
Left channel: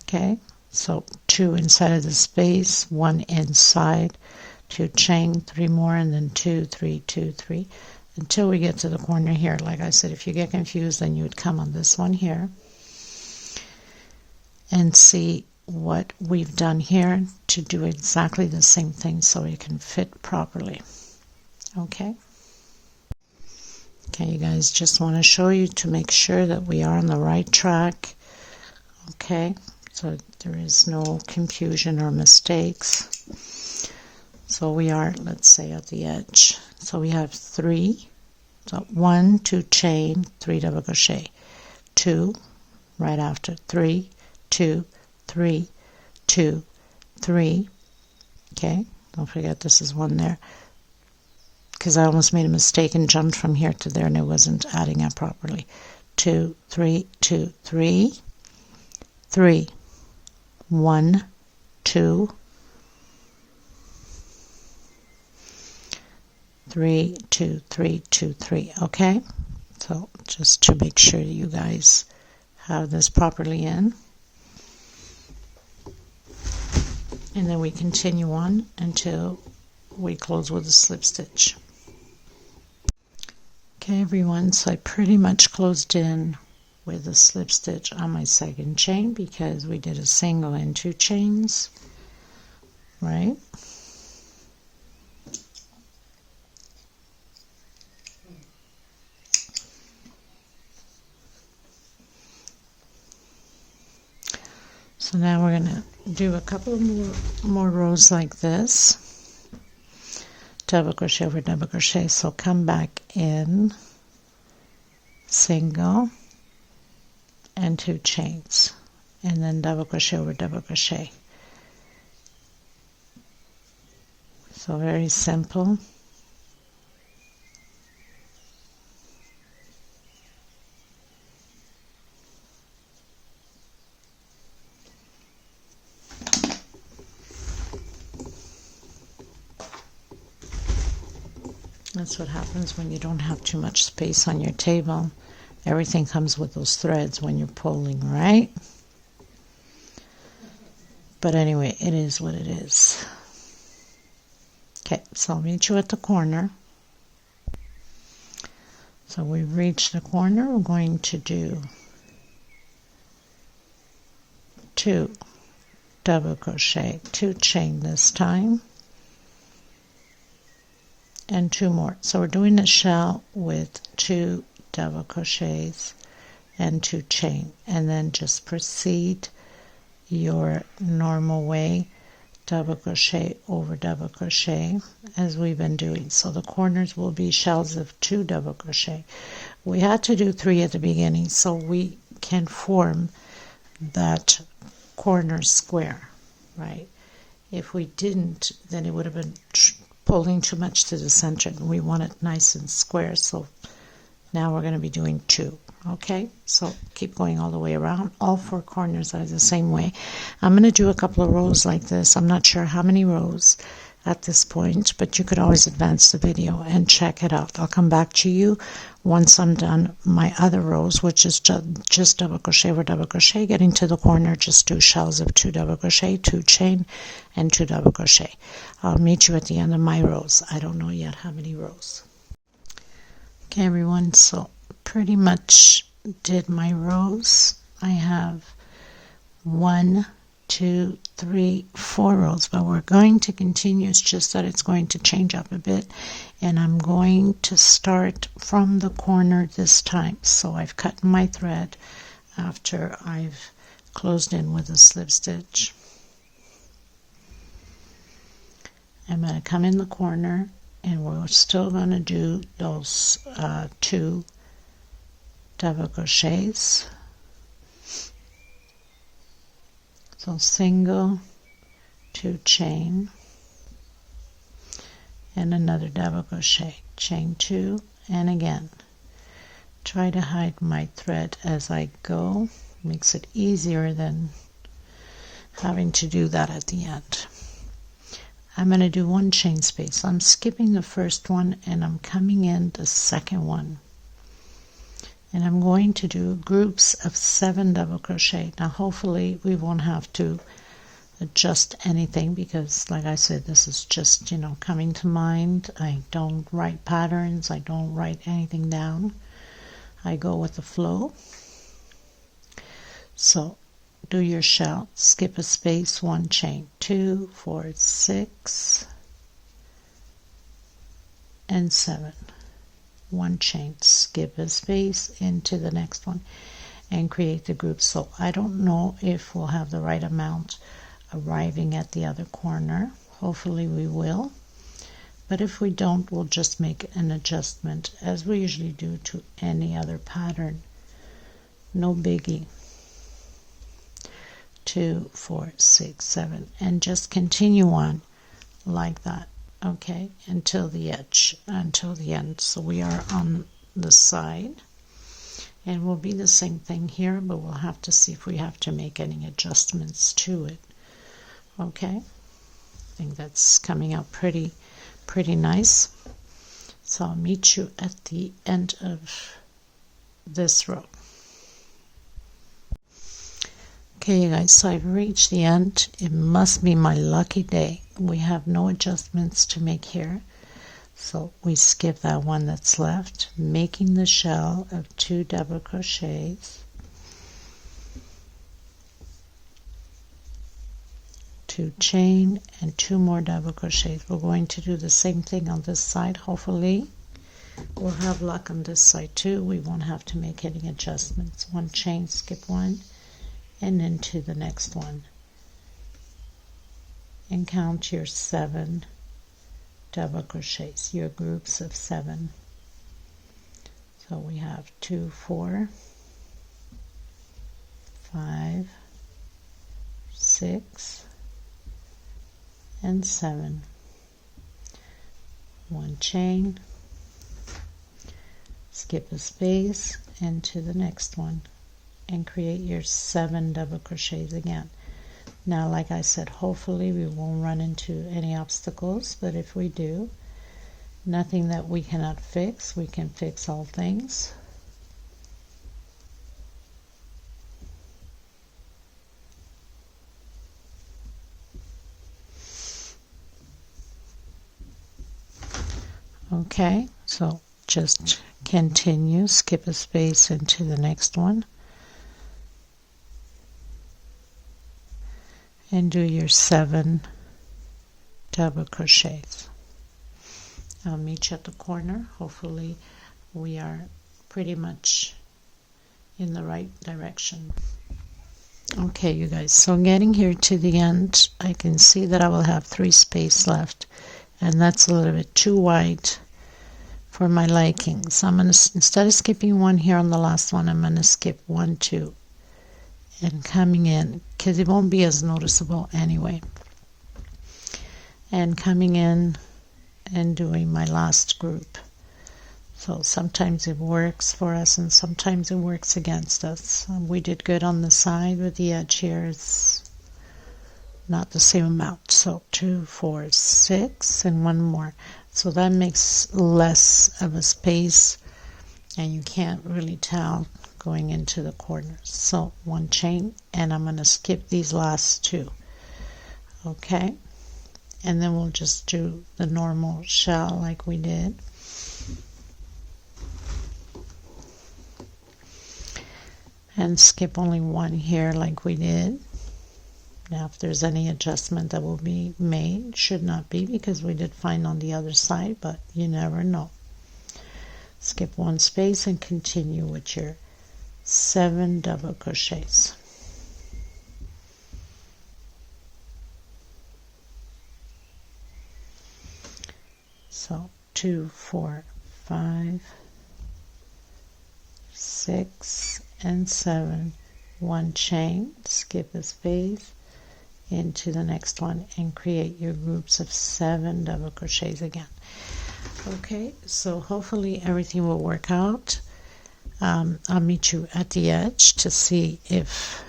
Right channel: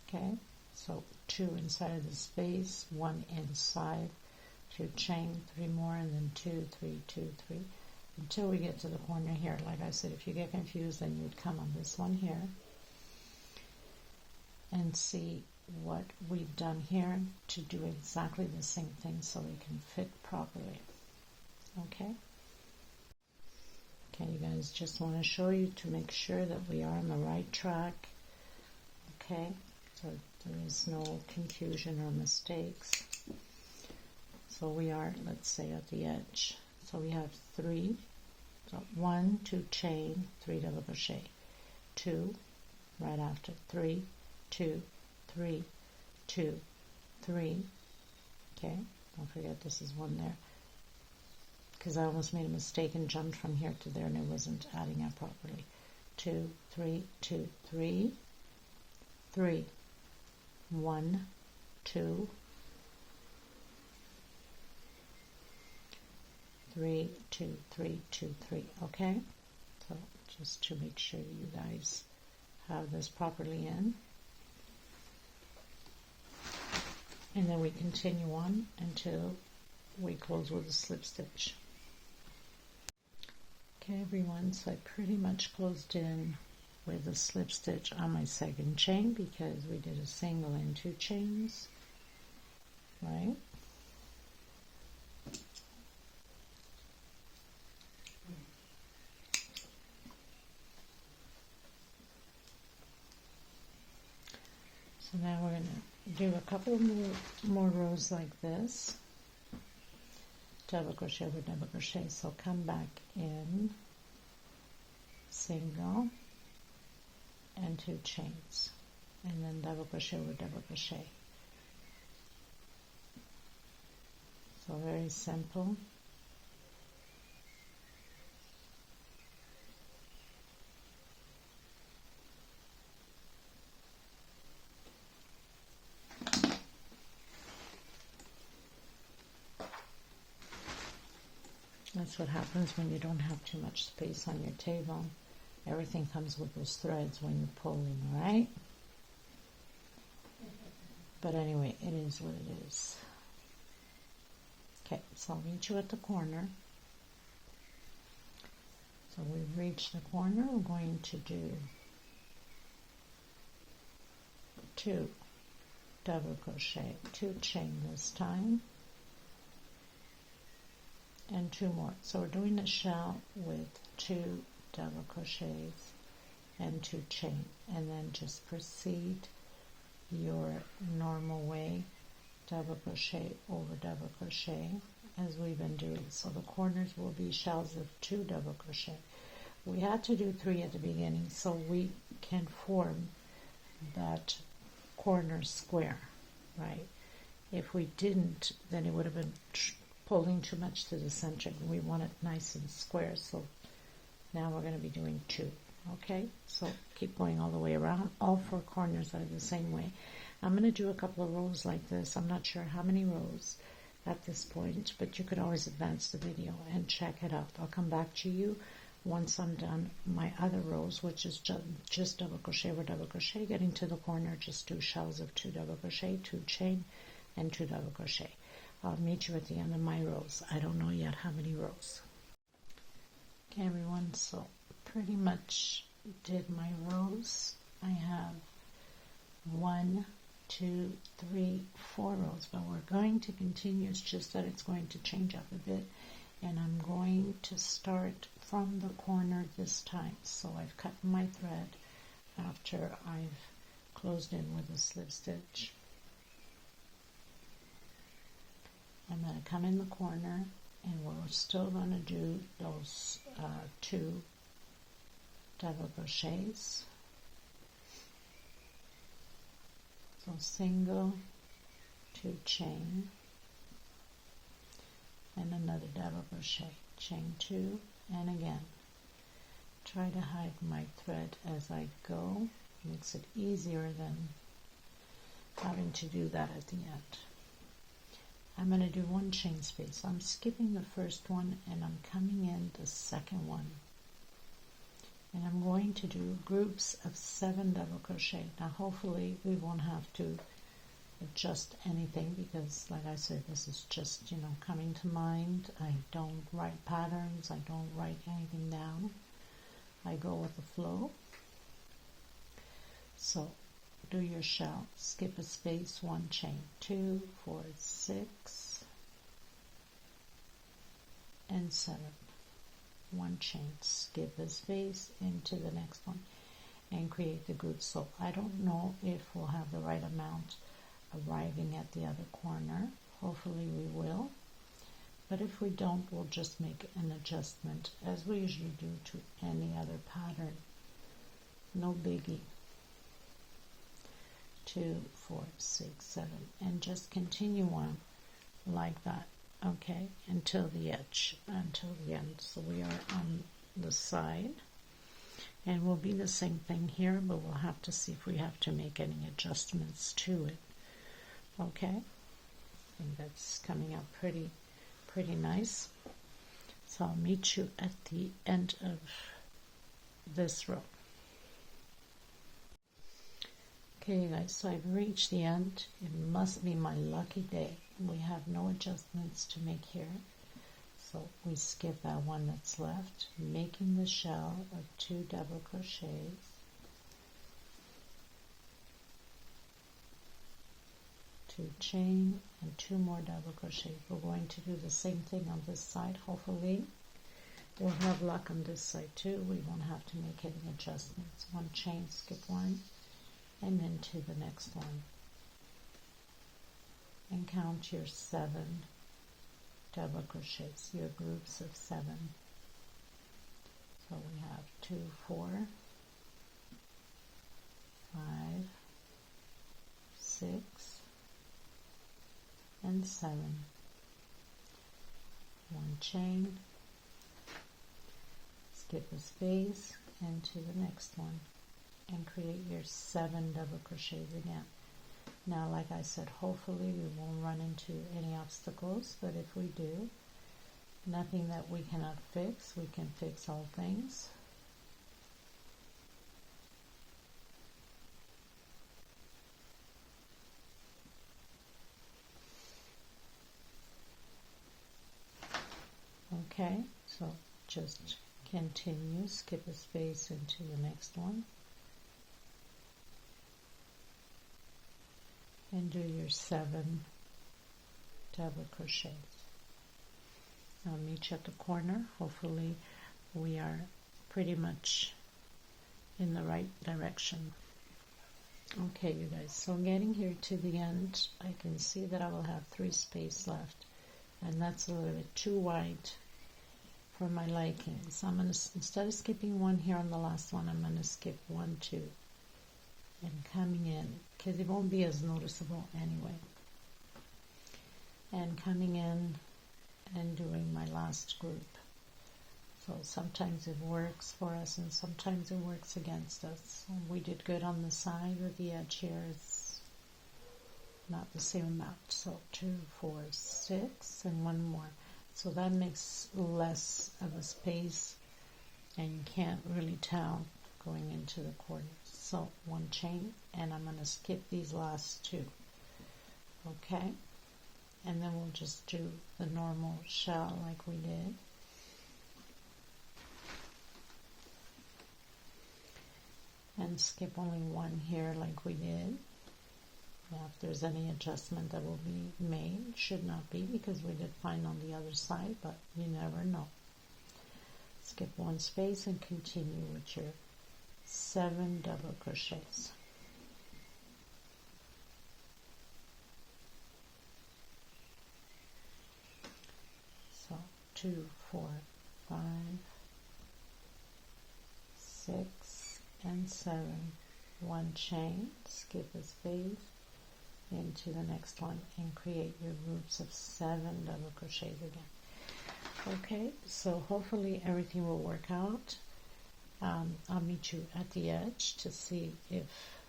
Okay, so 2 inside of the space, 1 inside, 2 chain, 3 more, and then 2, 3, 2, 3, until we get to the corner here. Like I said, if you get confused, then you would come on this one here and see what we've done here to do exactly the same thing so it can fit properly. Okay, you guys, just want to show you to make sure that we are on the right track. Okay, so there is no confusion or mistakes. So we are, let's say, at the edge. So we have 3, so 1, 2 chain, 3 double crochet, 2 right after, 3, 2, 3, 2, 3. Okay, don't forget this is 1 there, because I almost made a mistake and jumped from here to there and it wasn't adding up properly. 2, 3, 2, 3, 3, 1, 2, 3, 2, 3, 2, 3. Okay, so just to make sure you guys have this properly in, and then we continue on until we close with a slip stitch. Okay, everyone, so I pretty much closed in with a slip stitch on my second chain because we did a single and 2 chains, right? So now we're going to do a couple more rows like this, double crochet over double crochet. So come back in, single and 2 chains, and then double crochet over double crochet. So very simple. That's what happens when you don't have too much space on your table. Everything comes with those threads when you're pulling, right? But anyway, it is what it is. Okay, so I'll meet you at the corner. So we've reached the corner. We're going to do 2 double crochet, 2 chain this time, and 2 more. So we're doing a shell with 2 double crochets and 2 chain, and then just proceed your normal way, double crochet over double crochet, as we've been doing. So the corners will be shells of 2 double crochet. we had to do 3 at the beginning so we can form that corner square, right? If we didn't, then it would have been pulling too much to the center, and we want it nice and square. So now we're going to be doing 2. Okay, so keep going all the way around. All 4 corners are the same way. I'm going to do a couple of rows like this. I'm not sure how many rows at this point, but you could always advance the video and check it out. I'll come back to you once I'm done my other rows, which is just double crochet over double crochet. Getting to the corner, just 2 shells of 2 double crochet, 2 chain, and 2 double crochet. I'll meet you at the end of my rows. I don't know yet how many rows. Okay, everyone, so pretty much did my rows. I have 1, 2, 3, 4 rows, but we're going to continue. It's just that it's going to change up a bit, and I'm going to start from the corner this time. So I've cut my thread after I've closed in with a slip stitch. I'm going to come in the corner, and we're still going to do those 2 double crochets. So single, 2 chain, and another double crochet, chain 2, and again try to hide my thread as I go. Makes it easier than having to do that at the end. I'm going to do 1 chain space. I'm skipping the first one and I'm coming in the second one, and I'm going to do groups of 7 double crochet. Now hopefully we won't have to adjust anything, because like I said, this is just, you know, coming to mind. I don't write patterns, I don't write anything down, I go with the flow. So do your shell, skip a space, 1 chain, 2, 4, 6, and 7. 1 chain, skip a space into the next one, and create the group. So I don't know if we'll have the right amount arriving at the other corner. Hopefully we will, but if we don't, we'll just make an adjustment as we usually do to any other pattern. No biggie. 2, 4, 6, 7, and just continue on like that. Okay, until the edge, until the end. So we are on the side, and will be the same thing here, but we'll have to see if we have to make any adjustments to it. Okay, I think that's coming out pretty nice. So I'll meet you at the end of this row. Okay, you guys, so I've reached the end. It must be my lucky day. We have no adjustments to make here, so we skip that one that's left, making the shell of 2 double crochets, 2 chain, and 2 more double crochets. We're going to do the same thing on this side. Hopefully we'll have luck on this side too. We won't have to make any adjustments. 1 chain, skip 1, and into the next one, and count your 7 double crochets, your groups of 7. So we have 2, 4, 5, 6, and 7. 1 chain, skip a space into the next one, and create your 7 double crochets again. Now, like I said, hopefully we won't run into any obstacles, but if we do, nothing that we cannot fix. We can fix all things. Okay, so just continue, skip a space into the next one, and do your 7 double crochets. I'll meet you at the corner. Hopefully we are pretty much in the right direction. Okay, you guys, so getting here to the end, I can see that I will have 3 spaces left, and that's a little bit too wide for my liking. So I'm going to, instead of skipping one here on the last one, I'm going to skip 1, 2, and coming in, because it won't be as noticeable anyway. And coming in and doing my last group. So sometimes it works for us and sometimes it works against us. We did good on the side, with the edge here is not the same amount. So 2, 4, 6, and one more. So that makes less of a space and you can't really tell going into the corners. So 1 chain, and I'm going to skip these last 2. Okay, and then we'll just do the normal shell like we did. And skip only 1 here like we did. Now if there's any adjustment that will be made, should not be, because we did fine on the other side, but you never know. Skip 1 space and continue with your 7 double crochets. So 2, 4, 5, 6, and 7, 1 chain, skip a space into the next one, and create your groups of 7 double crochets again. Okay, so hopefully everything will work out. I'll meet you at the edge to see if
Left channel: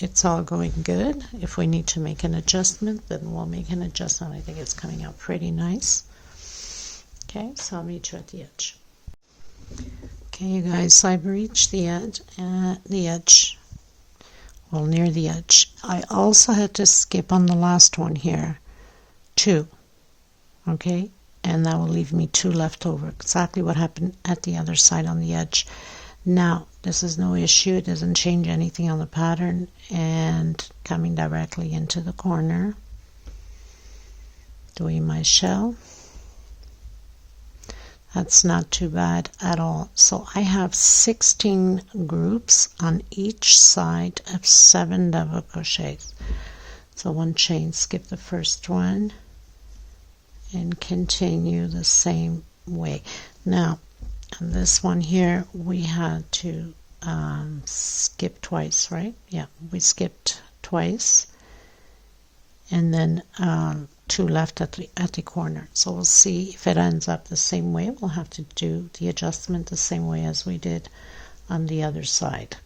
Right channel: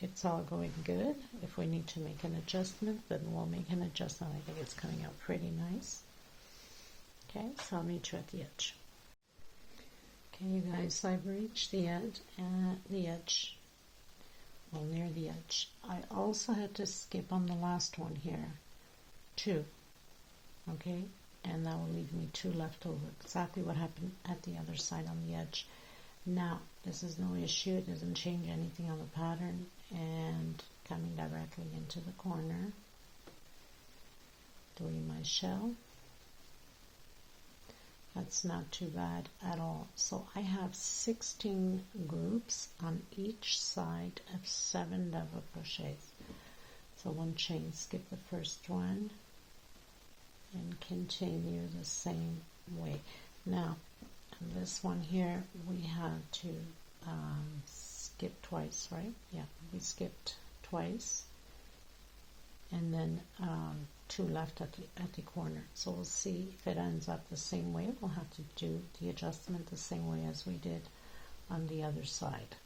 it's all going good. If we need to make an adjustment, then we'll make an adjustment. I think it's coming out pretty nice. Okay, so I'll meet you at the edge. Okay, you guys, so I've reached the edge, well, near the edge. I also had to skip on the last one here, 2, okay, and that will leave me 2 left over, exactly what happened at the other side on the edge. Now, this is no issue, it doesn't change anything on the pattern, and coming directly into the corner, doing my shell. That's not too bad at all. So I have 16 groups on each side of 7 double crochets. So 1 chain, skip the first one, and continue the same way. Now, on this one here, we had to skip twice, right? Yeah, we skipped twice, and then 2 left at the corner. So we'll see if it ends up the same way. We'll have to do the adjustment the same way as we did on the other side.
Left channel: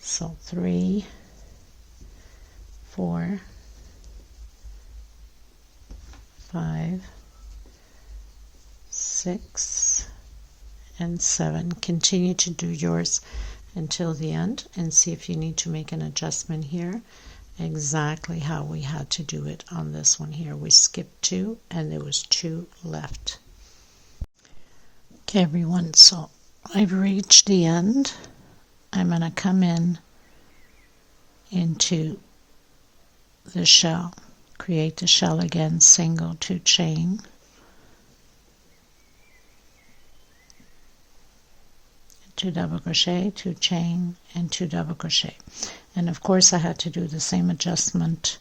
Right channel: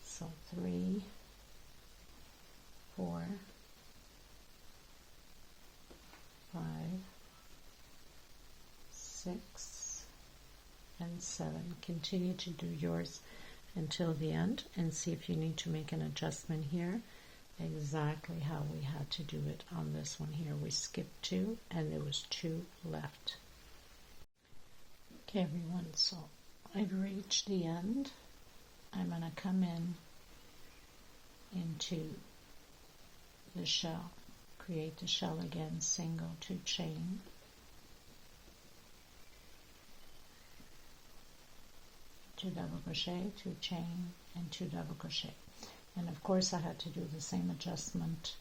So 3, 4, 5, 6, and 7. Continue to do yours until the end and see if you need to make an adjustment here. Exactly how we had to do it on this one here. We skipped 2 and there was 2 left. Okay, everyone, so I've reached the end. I'm going to come in into the shell, create the shell again, single 2 chain, two double crochet, 2 chain, and 2 double crochet. And of course I had to do the same adjustment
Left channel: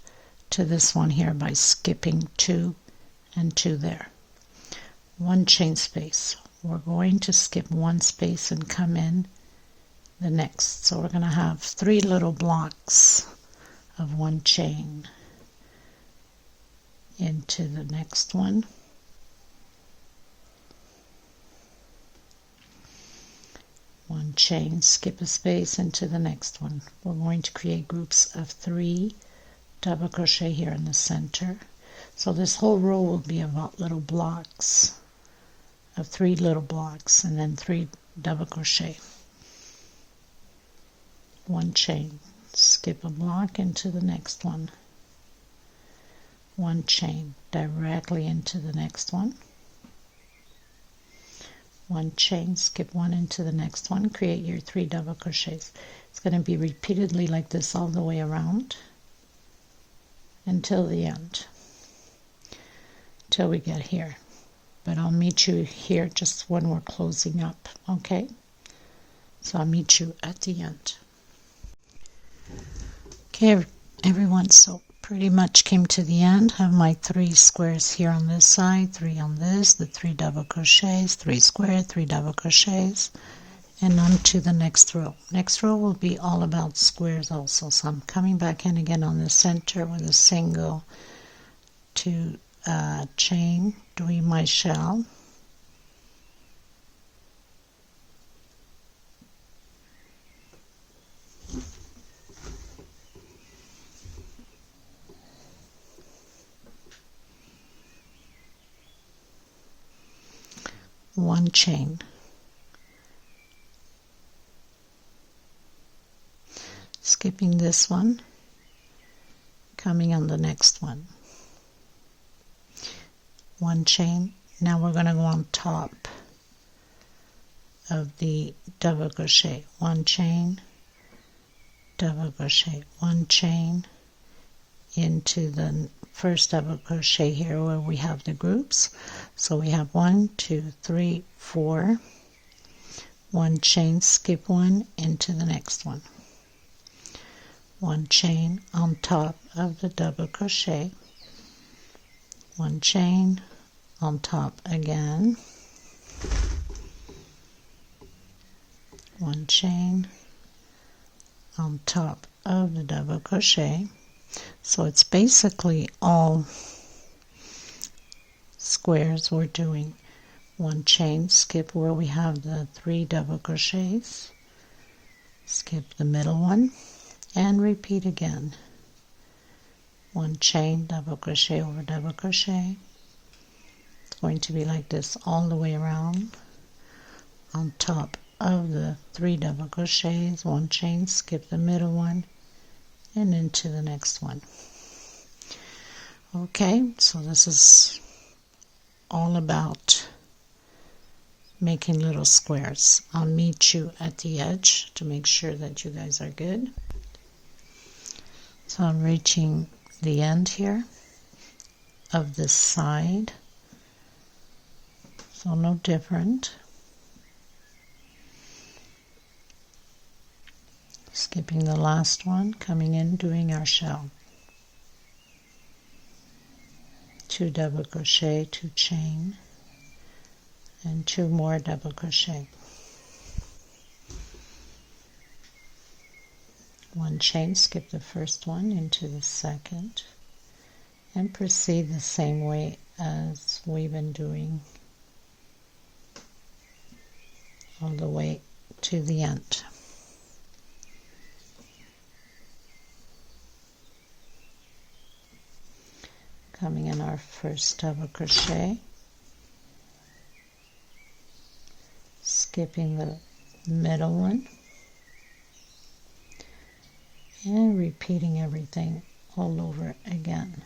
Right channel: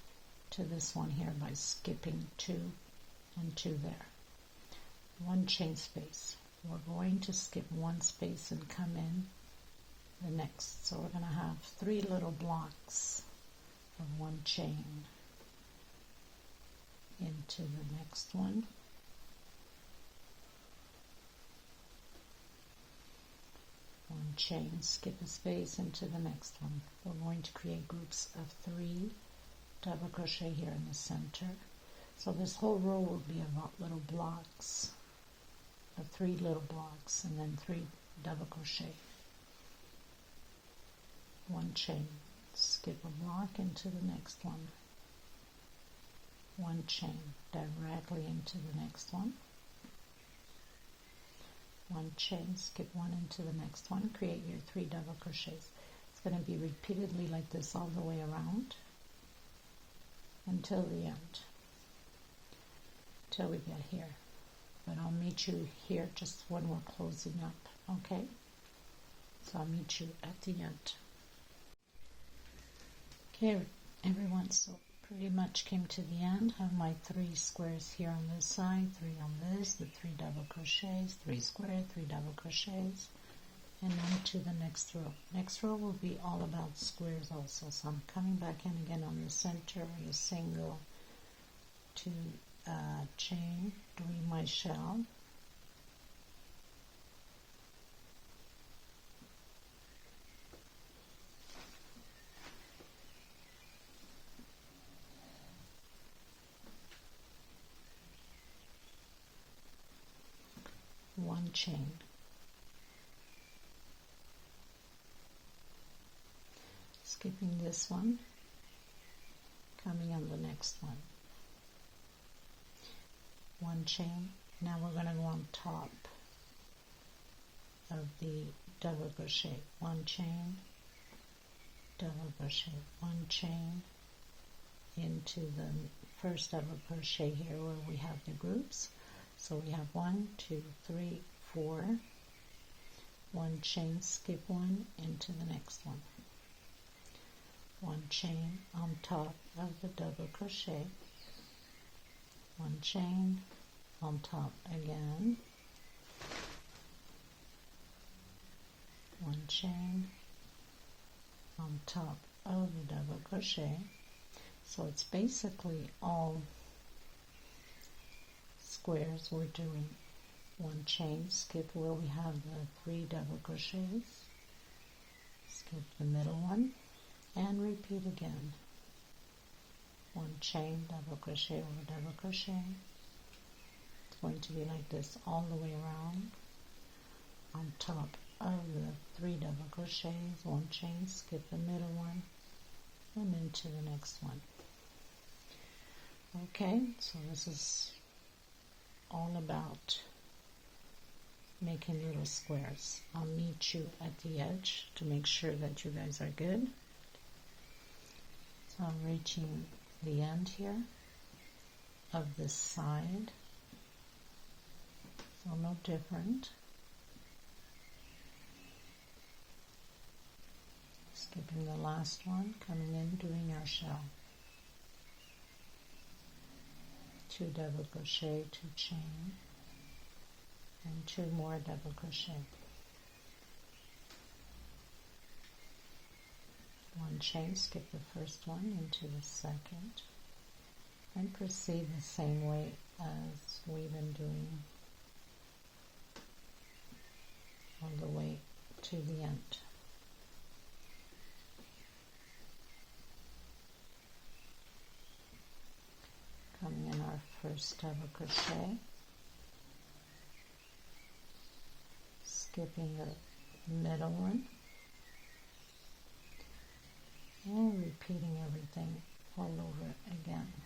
to this one here by skipping 2 and 2 there. 1 chain space. We're going to skip 1 space and come in the next. So we're going to have 3 little blocks of 1 chain into the next one. One chain, skip a space into the next one. We're going to create groups of 3 double crochet here in the center. So this whole row will be about little blocks of 3 little blocks, and then 3 double crochet. 1 chain, skip a block into the next one. 1 chain directly into the next one. 1 chain, skip 1 into the next one, create your 3 double crochets. It's going to be repeatedly like this all the way around until the end, till we get here. But I'll meet you here just when we're closing up, okay? So I'll meet you at the end. Okay, everyone, so pretty much came to the end. Have my 3 squares here on this side, 3 on this, the 3 double crochets, 3 square, 3 double crochets, and on to the next row. Next row will be all about squares also. So I'm coming back in again on the center with a single 2 chain, doing my shell. One chain, skipping this one, coming on the next one, one chain. Now we're going to go on top of the double crochet, one chain, double crochet, one chain, into the first double crochet here where we have the groups. So we have 1, 2, 3, 4, one chain, skip one, into the next one, one chain on top of the double crochet, one chain on top again, one chain on top of the double crochet. So it's basically all squares we're doing. One chain, skip where we have the 3 double crochets, skip the middle one, and repeat again. One chain, double crochet over double crochet. It's going to be like this all the way around. On top of the 3 double crochets, one chain, skip the middle one, and into the next one. Okay, so this is all about making little squares. I'll meet you at the edge to make sure that you guys are good. So I'm reaching the end here of this side, so no different. Skipping the last one, coming in, doing our shell. 2 double crochet, 2 chain, and 2 more double crochet. One chain, skip the first one into the second, and proceed the same way as we've been doing all the way to the end. Coming in our first double crochet, skipping the middle one, and repeating everything all over again.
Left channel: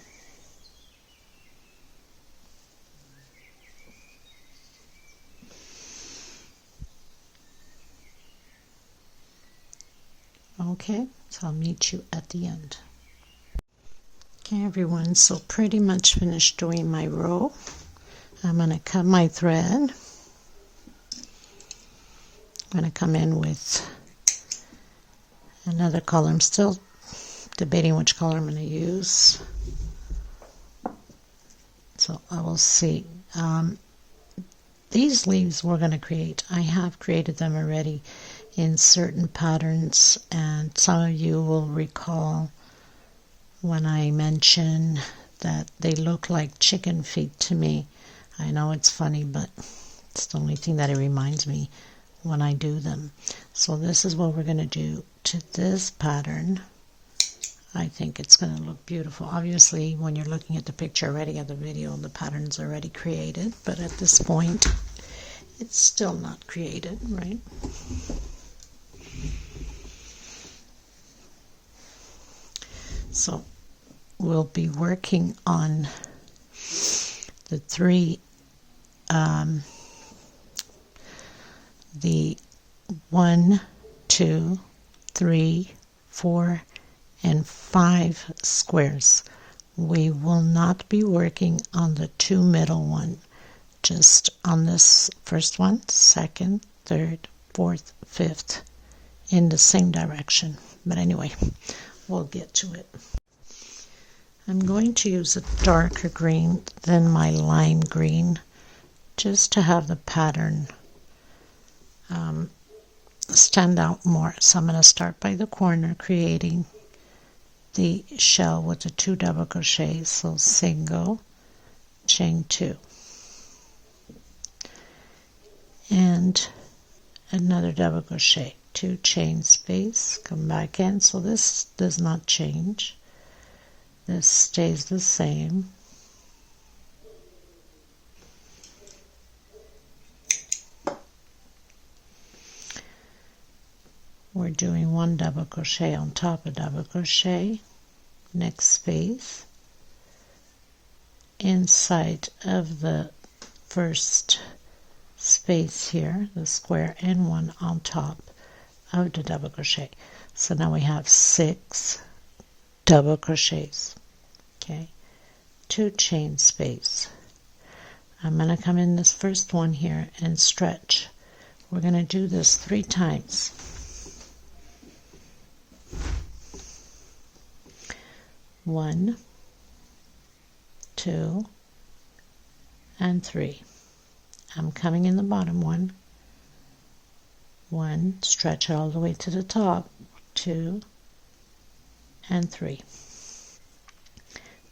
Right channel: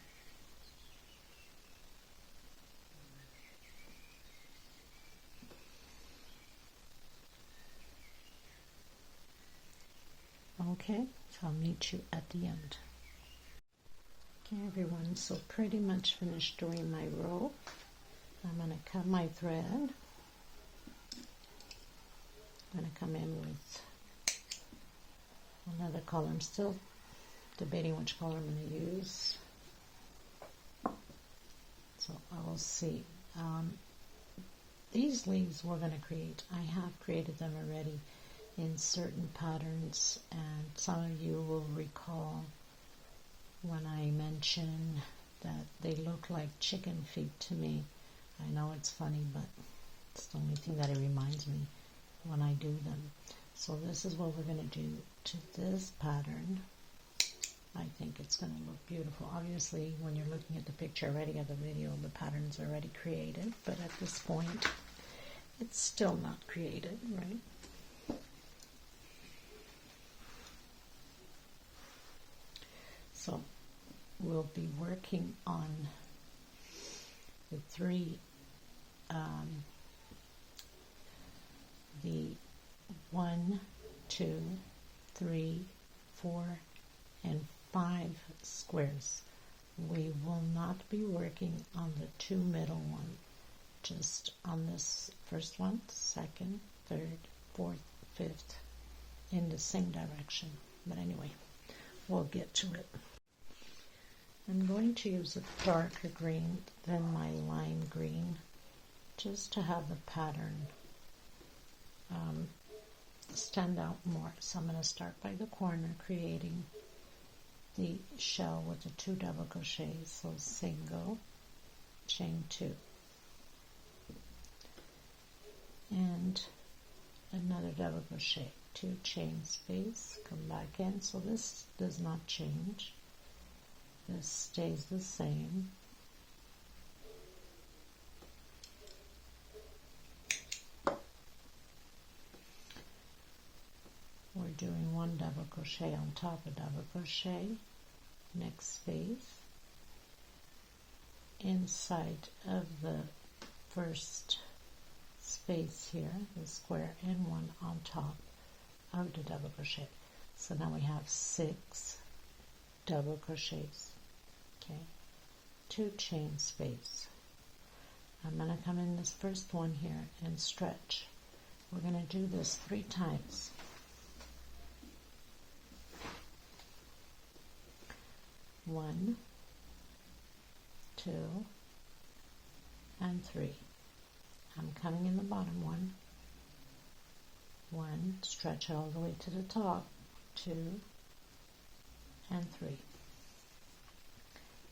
Okay, so I'll meet you at the end. Okay everyone, so pretty much finished doing my row. I'm going to cut my thread. I'm going to come in with another color. I'm still debating which color I'm going to use, so I will see. These leaves we're going to create, I have created them already in certain patterns, and some of you will recall when I mention that they look like chicken feet to me. I know it's funny, but it's the only thing that it reminds me when I do them. So this is what we're going to do to this pattern. I think it's going to look beautiful. Obviously, when you're looking at the picture already of the video, the pattern's already created, but at this point, it's still not created, right? So we'll be working on the 3 the 1, 2, 3, 4, and 5 squares. We will not be working on the 2 middle one, just on this first one, second, third, fourth, fifth, in the same direction. But anyway, we'll get to it. I'm going to use a darker green than my lime green just to have the pattern stand out more. So I'm going to start by the corner creating the shell with the 2 double crochets. So single, chain 2, and another double crochet, 2 chain space, come back in. So this does not change, this stays the same. We're doing 1 double crochet on top of double crochet, next space, inside of the first space here, the square, and 1 on top of the double crochet. So now we have 6 double crochets, okay, 2 chain space. I'm going to come in this first one here and stretch. We're going to do this 3 times. 1, 2, and 3. I'm coming in the bottom one, stretch all the way to the top, 2, and 3.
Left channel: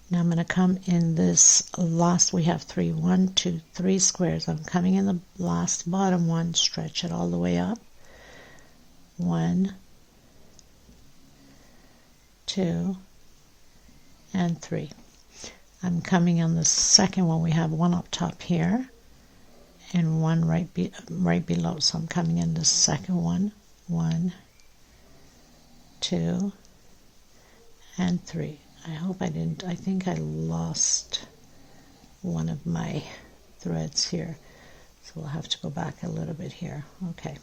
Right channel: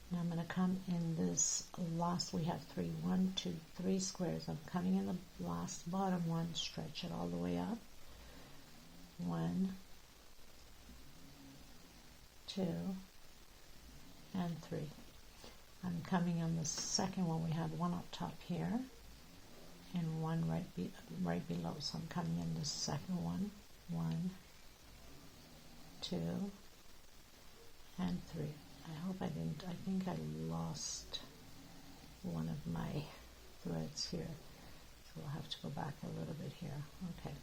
Now I'm going to come in this last, we have 3, 1, 2, 3 squares. I'm coming in the last bottom one, stretch it all the way up, 1, 2, and 3. I'm coming on the second one, we have 1 up top here and 1 right below. So I'm coming in the second one, 1, 2, and 3. I hope I didn't, I think I lost one of my threads here, so we'll have to go back a little bit here. Okay,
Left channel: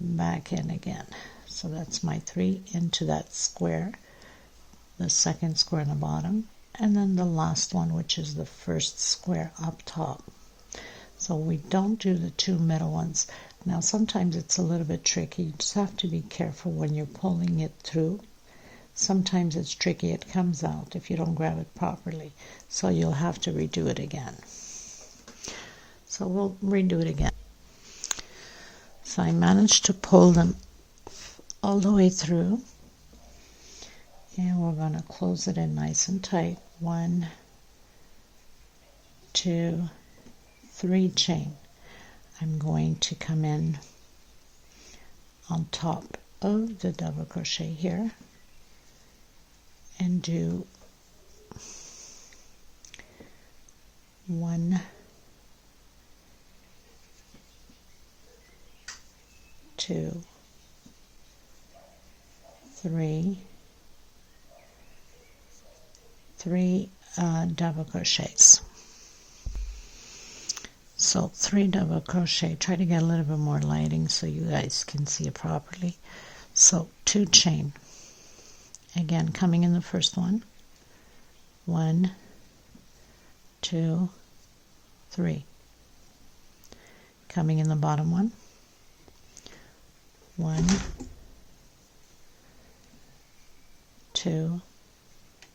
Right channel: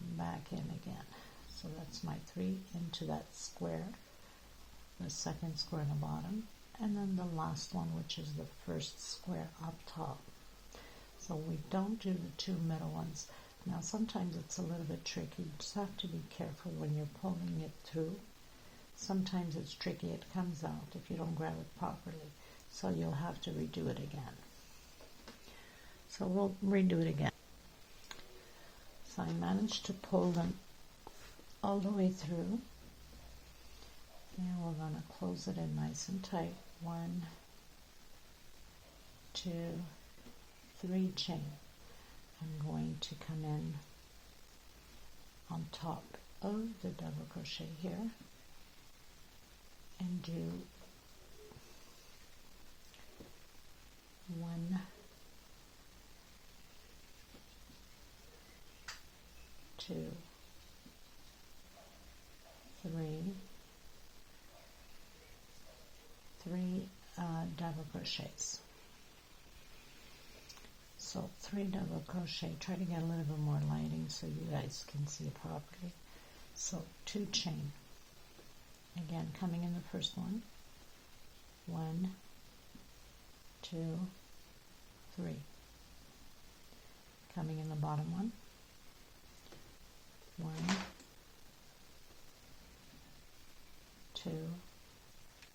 back in again. So that's my 3 into that square, the second square in the bottom, and then the last one, which is the first square up top. So we don't do the 2 middle ones. Now sometimes it's a little bit tricky. You just have to be careful when you're pulling it through. Sometimes it's tricky, it comes out if you don't grab it properly. So you'll have to redo it again. So we'll redo it again. So I managed to pull them all the way through. And we're going to close it in nice and tight. 1, 2, 3 chain. I'm going to come in on top of the double crochet here and do 1, 2, 3 double crochets. So 3 double crochet. Try to get a little bit more lighting so you guys can see it properly. So 2 chain. Again, coming in the first one, 1, 2, 3. Coming in the bottom one, 1, 2,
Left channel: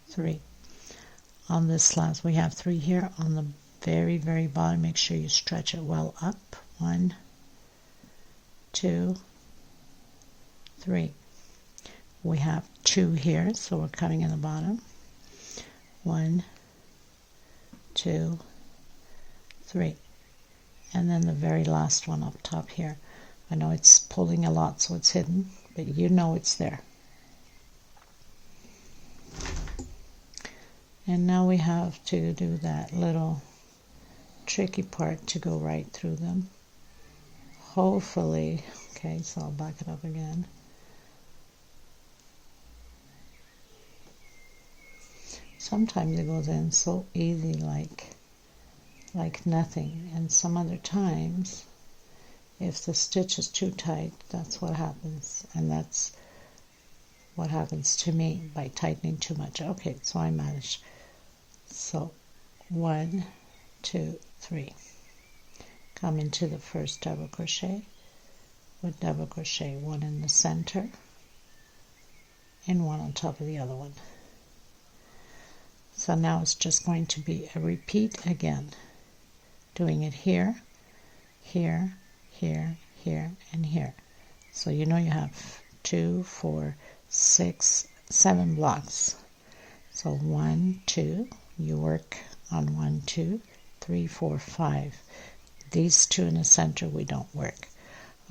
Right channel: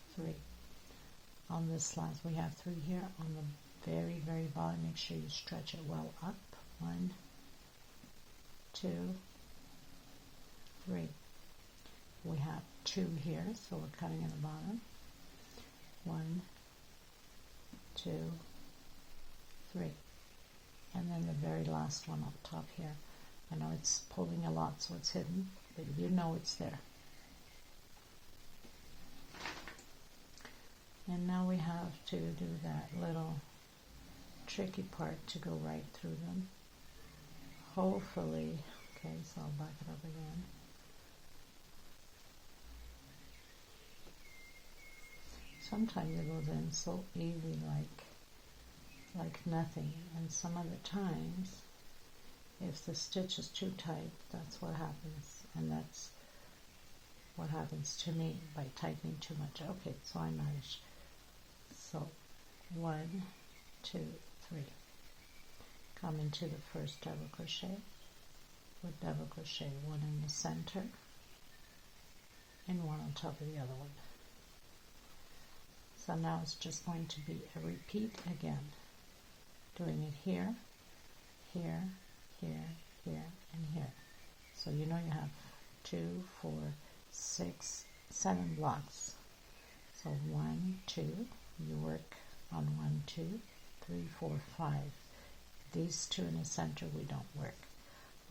3. On this last, we have 3 here on the very bottom. Make sure you stretch it well up. 1, 2, 3. We have 2 here, so we're cutting in the bottom. 1, 2, 3. And then the very last one up top here. I know it's pulling a lot, so it's hidden, but you know it's there. And now we have to do that little tricky part to go right through them. Hopefully, okay, so I'll back it up again. Sometimes it goes in so easy, like nothing, and some other times, if the stitch is too tight, that's what happens, and that's what happens to me by tightening too much. Okay, so I managed. So 1, 2, 3. Come into the first double crochet with double crochet, 1 in the center and 1 on top of the other one. So now it's just going to be a repeat again, doing it here, here, here, here, and here. So you know you have 2, 4, 6, 7 blocks. So 1, 2, you work on 1, 2, 3, 4, 5. These 2 in the center we don't work.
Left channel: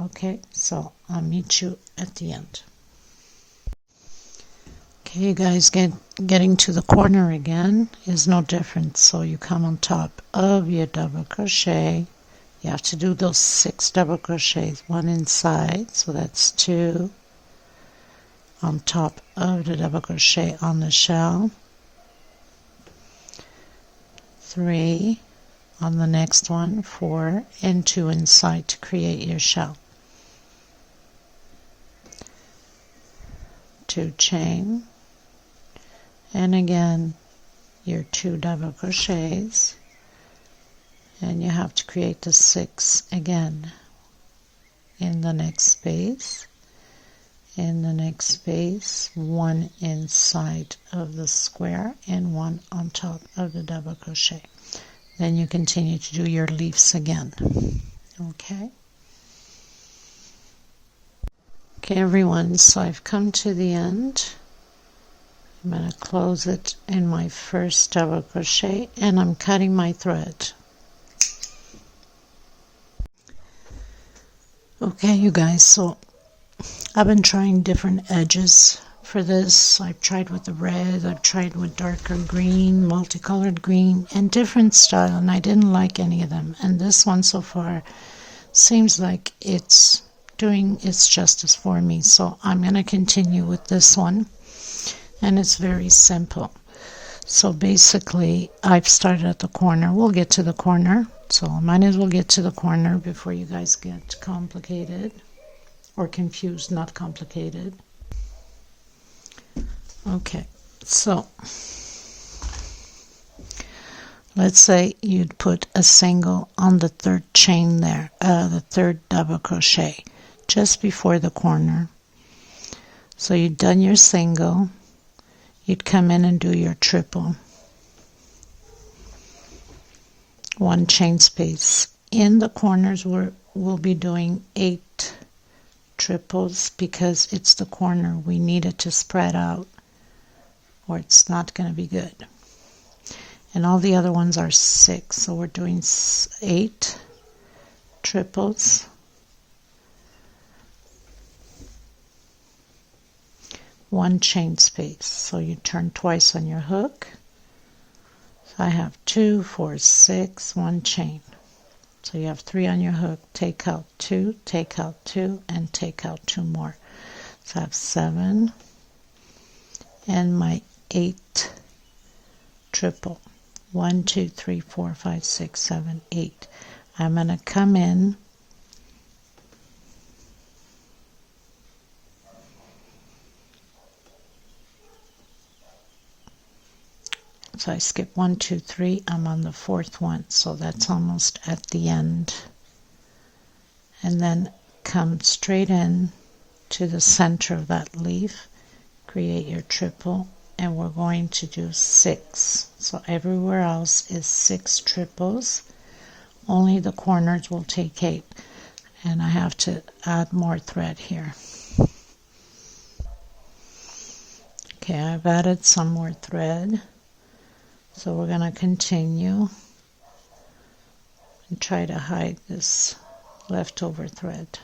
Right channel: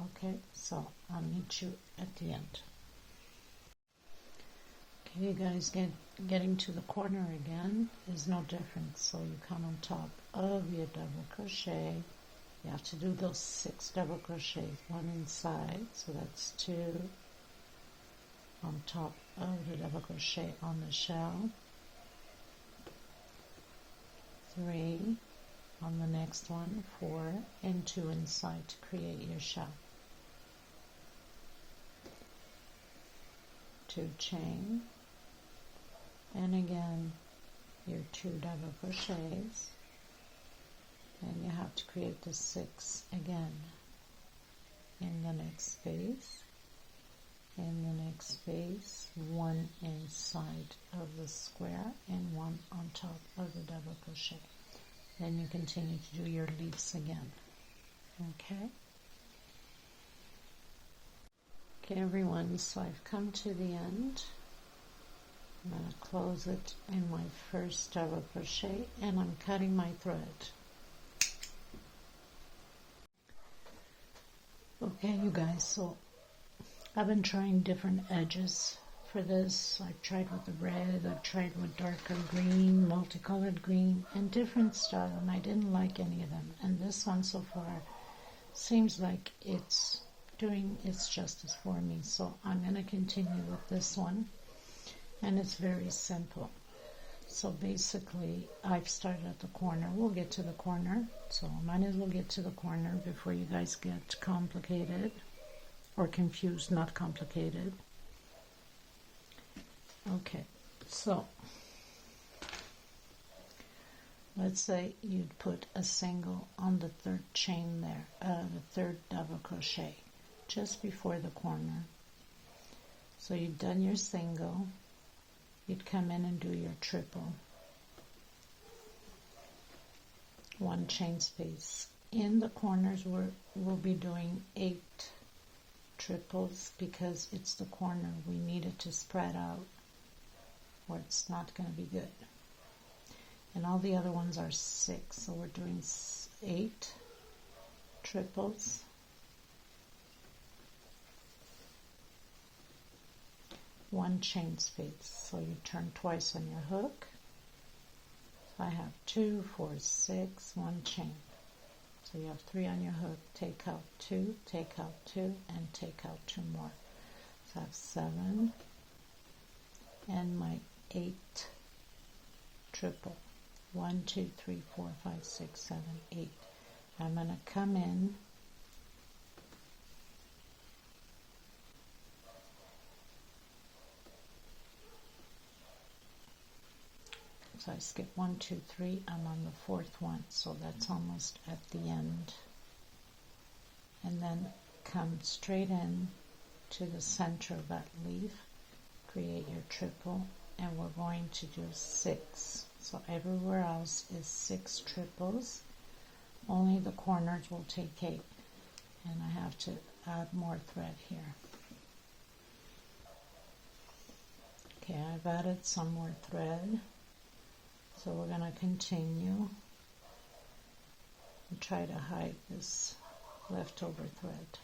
Okay, so I'll meet you at the end. Okay, you guys, getting to the corner again is no different. So you come on top of your double crochet. You have to do those 6 double crochets, 1 inside, so that's 2 on top of the double crochet on the shell, 3 on the next one, 4, and 2 inside to create your shell. 2 chain, and again your 2 double crochets, and you have to create the 6 again in the next space, in the next space, 1 inside of the square and 1 on top of the double crochet. Then you continue to do your leaves again. Okay, everyone, so I've come to the end. I'm going to close it in my first double crochet, and I'm cutting my thread. Okay, you guys, so I've been trying different edges for this. I've tried with the red, I've tried with darker green, multicolored green, and different style, and I didn't like any of them. And this one so far seems like it's doing its justice for me, so I'm going to continue with this one, and it's very simple. So basically I've started at the corner. We'll get to the corner, so I might as well get to the corner before you guys get complicated or confused, not complicated. Okay, so let's say you'd put a single on the 3rd chain there, the 3rd double crochet just before the corner. So you'd done your single, you'd come in and do your triple, 1 chain space. In the corners we'll be doing 8 triples because it's the corner. We need it to spread out or it's not going to be good. And all the other ones are 6, so we're doing 8 triples, 1 chain space. So you turn twice on your hook. So I have 2, 4, 6, 1 chain. So you have 3 on your hook, take out 2, take out 2, and take out 2 more. So I have 7 and my 8 triple. 1, 2, 3, 4, 5, 6, 7, 8. I'm going to come in so I skip 1, 2, 3. I'm on the 4th one, so that's almost at the end. And then come straight in to the center of that leaf, create your triple, and we're going to do 6. So everywhere else is 6 triples, only the corners will take 8, and I have to add more thread here. Okay, I've added some more thread, so we're going to continue and try to hide this leftover thread.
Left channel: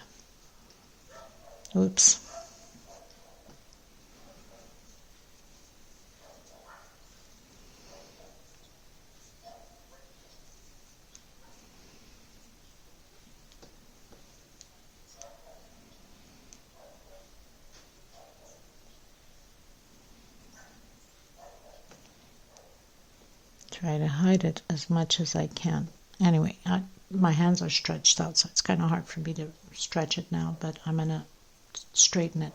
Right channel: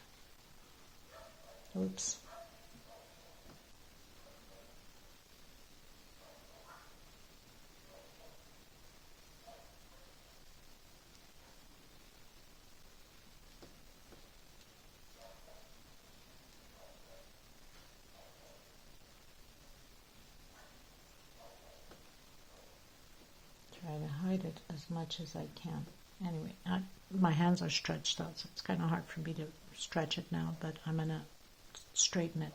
Oops. Try to hide it as much as I can. Anyway, my hands are stretched out, so it's kind of hard for me to stretch it now, but I'm going to straighten it.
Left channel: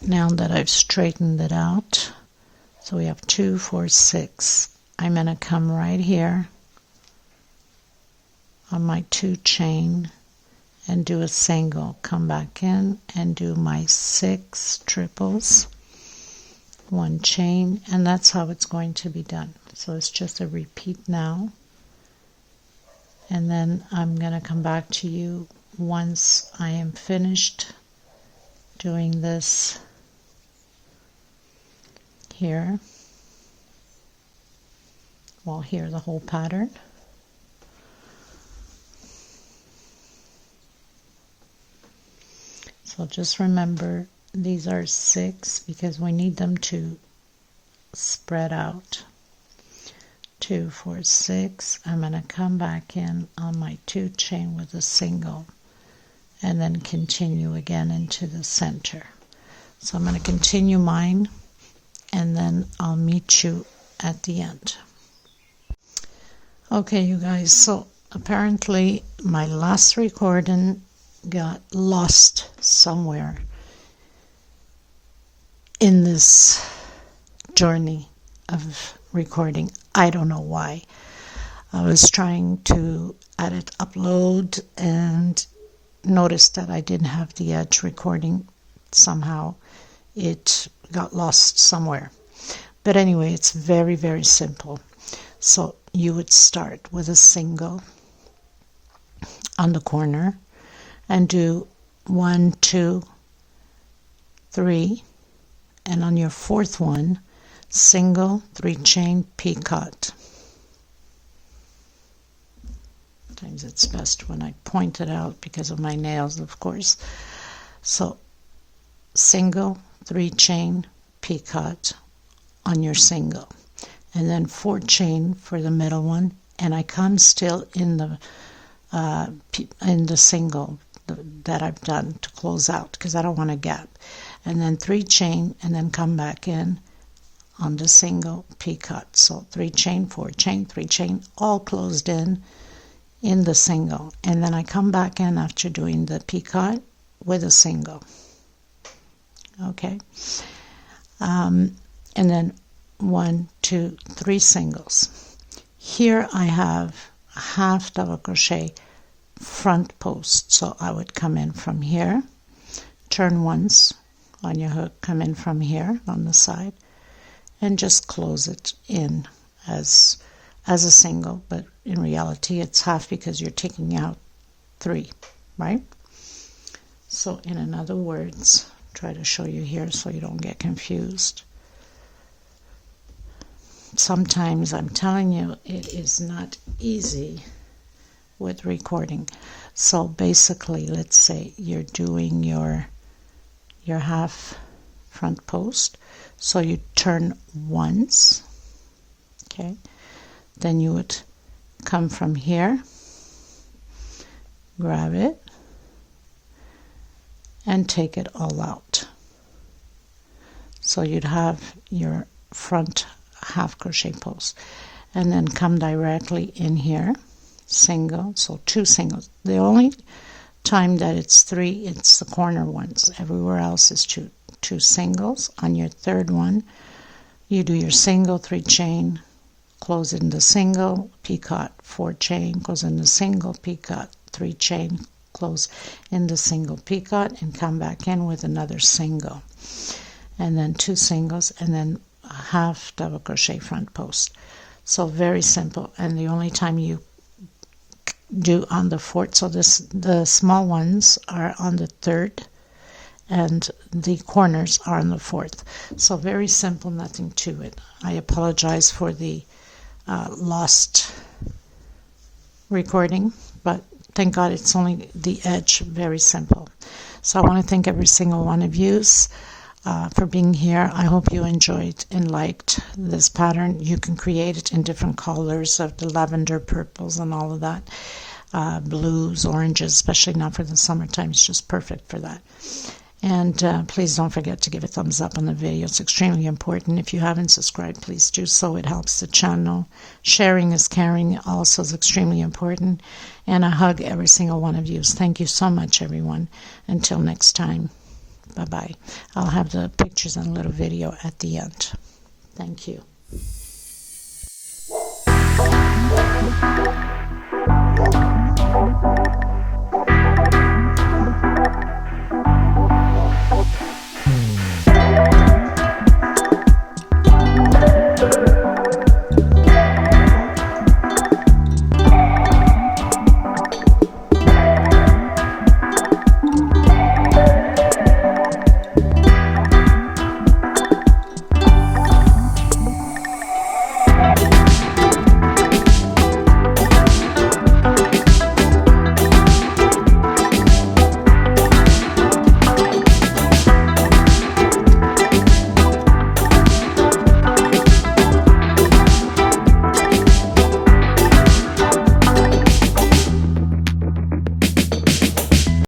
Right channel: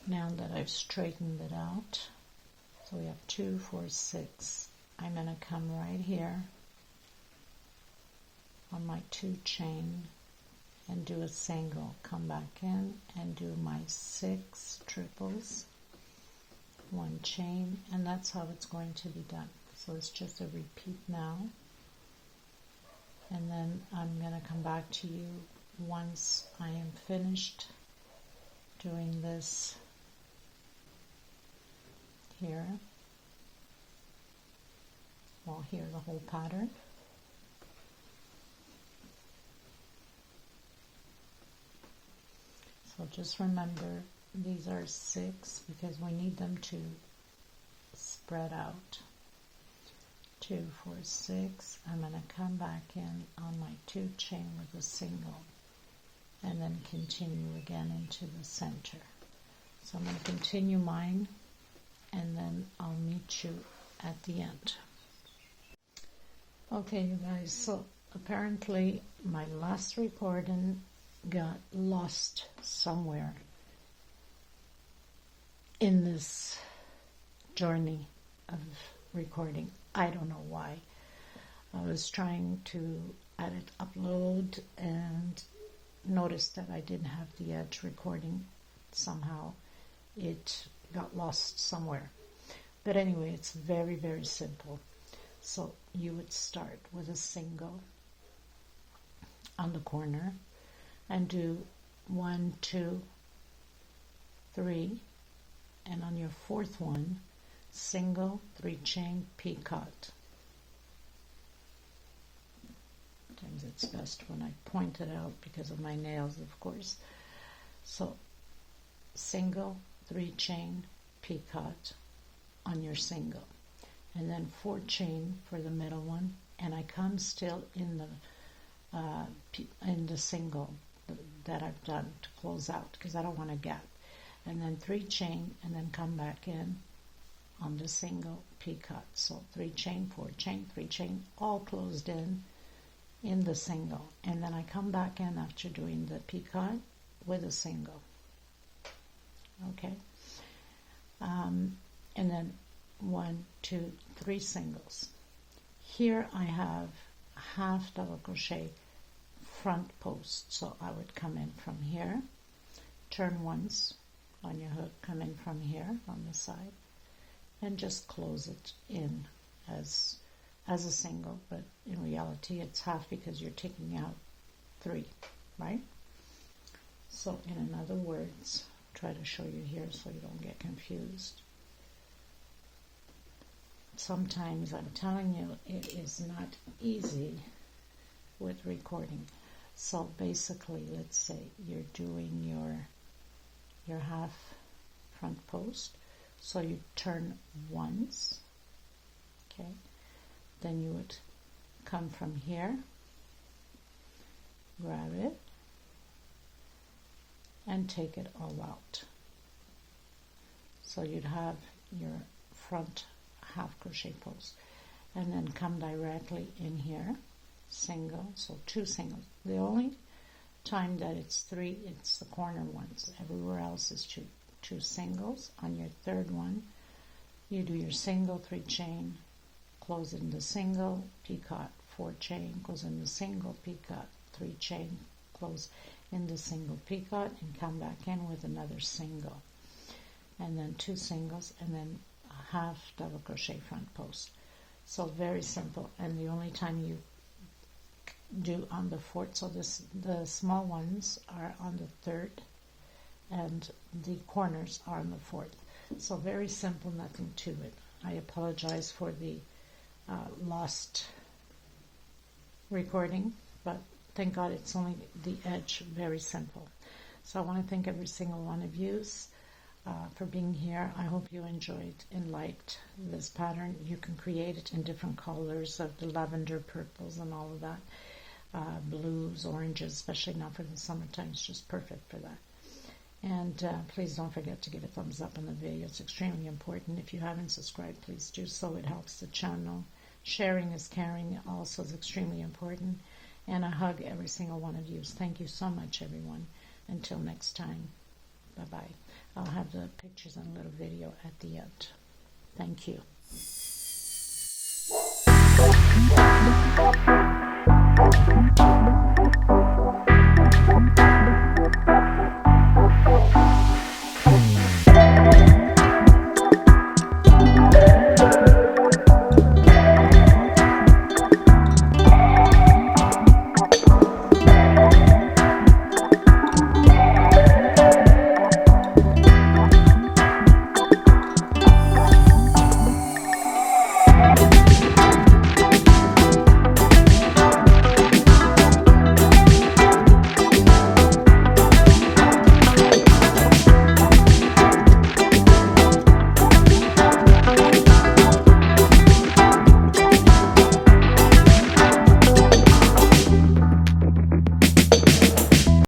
Now that I've straightened it out, so we have 2, 4, 6. I'm going to come right here on my 2 chain and do a single. Come back in and do my 6 triples. 1 chain, and that's how it's going to be done. So it's just a repeat now, and then I'm going to come back to you once I am finished doing this here. Well, here the whole pattern. So just remember, these are 6 because we need them to spread out. 2, 4, 6. I'm going to come back in on my 2 chain with a single and then continue again into the center. So I'm going to continue mine and then I'll meet you at the end. Okay, you guys, so apparently my last recording got lost somewhere in this journey of recording. I don't know why. I was trying to edit, upload, and noticed that I didn't have the edge recording. Somehow it got lost somewhere. But anyway, it's very, very simple. So you would start with a single on the corner and do 1, 2, 3, and on your 4th one, single, 3 chain, picot. Sometimes it's best when I point it out because of my nails, of course. So single, 3 chain, picot on your single, and then 4 chain for the middle one, and I come still in the single that I've done to close out because I don't want a gap, and then 3 chain and then come back in on the single, picot. So 3 chain, 4 chain, 3 chain, all closed in the single, and then I come back in after doing the picot with a single. Okay, and then 1, 2, 3 singles. Here I have half double crochet front post, so I would come in from here, turn once on your hook, come in from here on the side, and just close it in as a single, but in reality it's half because you're taking out 3, right? So in other words, try to show you here so you don't get confused. Sometimes, I'm telling you, it is not easy with recording. So basically, let's say you're doing your half front post, so you turn once, okay, then you would come from here, grab it, and take it all out. So you'd have your front half crochet post, and then come directly in here, single, so 2 singles. The only time that it's 3, it's the corner ones. Everywhere else is 2 singles. On your 3rd one, you do your single, 3 chain, close in the single, picot, 4 chain, close in the single, picot, 3 chain, close in the single, picot, and come back in with another single, and then 2 singles, and then half double crochet front post. So very simple, and the only time you do on the 4th, so the small ones are on the 3rd and the corners are on the 4th. So very simple, nothing to it. I apologize for the lost recording, but thank God it's only the edge. Very simple. So I want to thank every single one of you for being here. I hope you enjoyed and liked this pattern. You can create it in different colors of the lavender, purples, and all of that. Blues, oranges, especially now for the summertime. It's just perfect for that. And please don't forget to give a thumbs up on the video. It's extremely important. If you haven't subscribed, please do so. It helps the channel. Sharing is caring also is extremely important. And I hug every single one of you. Thank you so much, everyone. Until next time. Bye-bye. I'll have the pictures and a little video at the end. Thank you.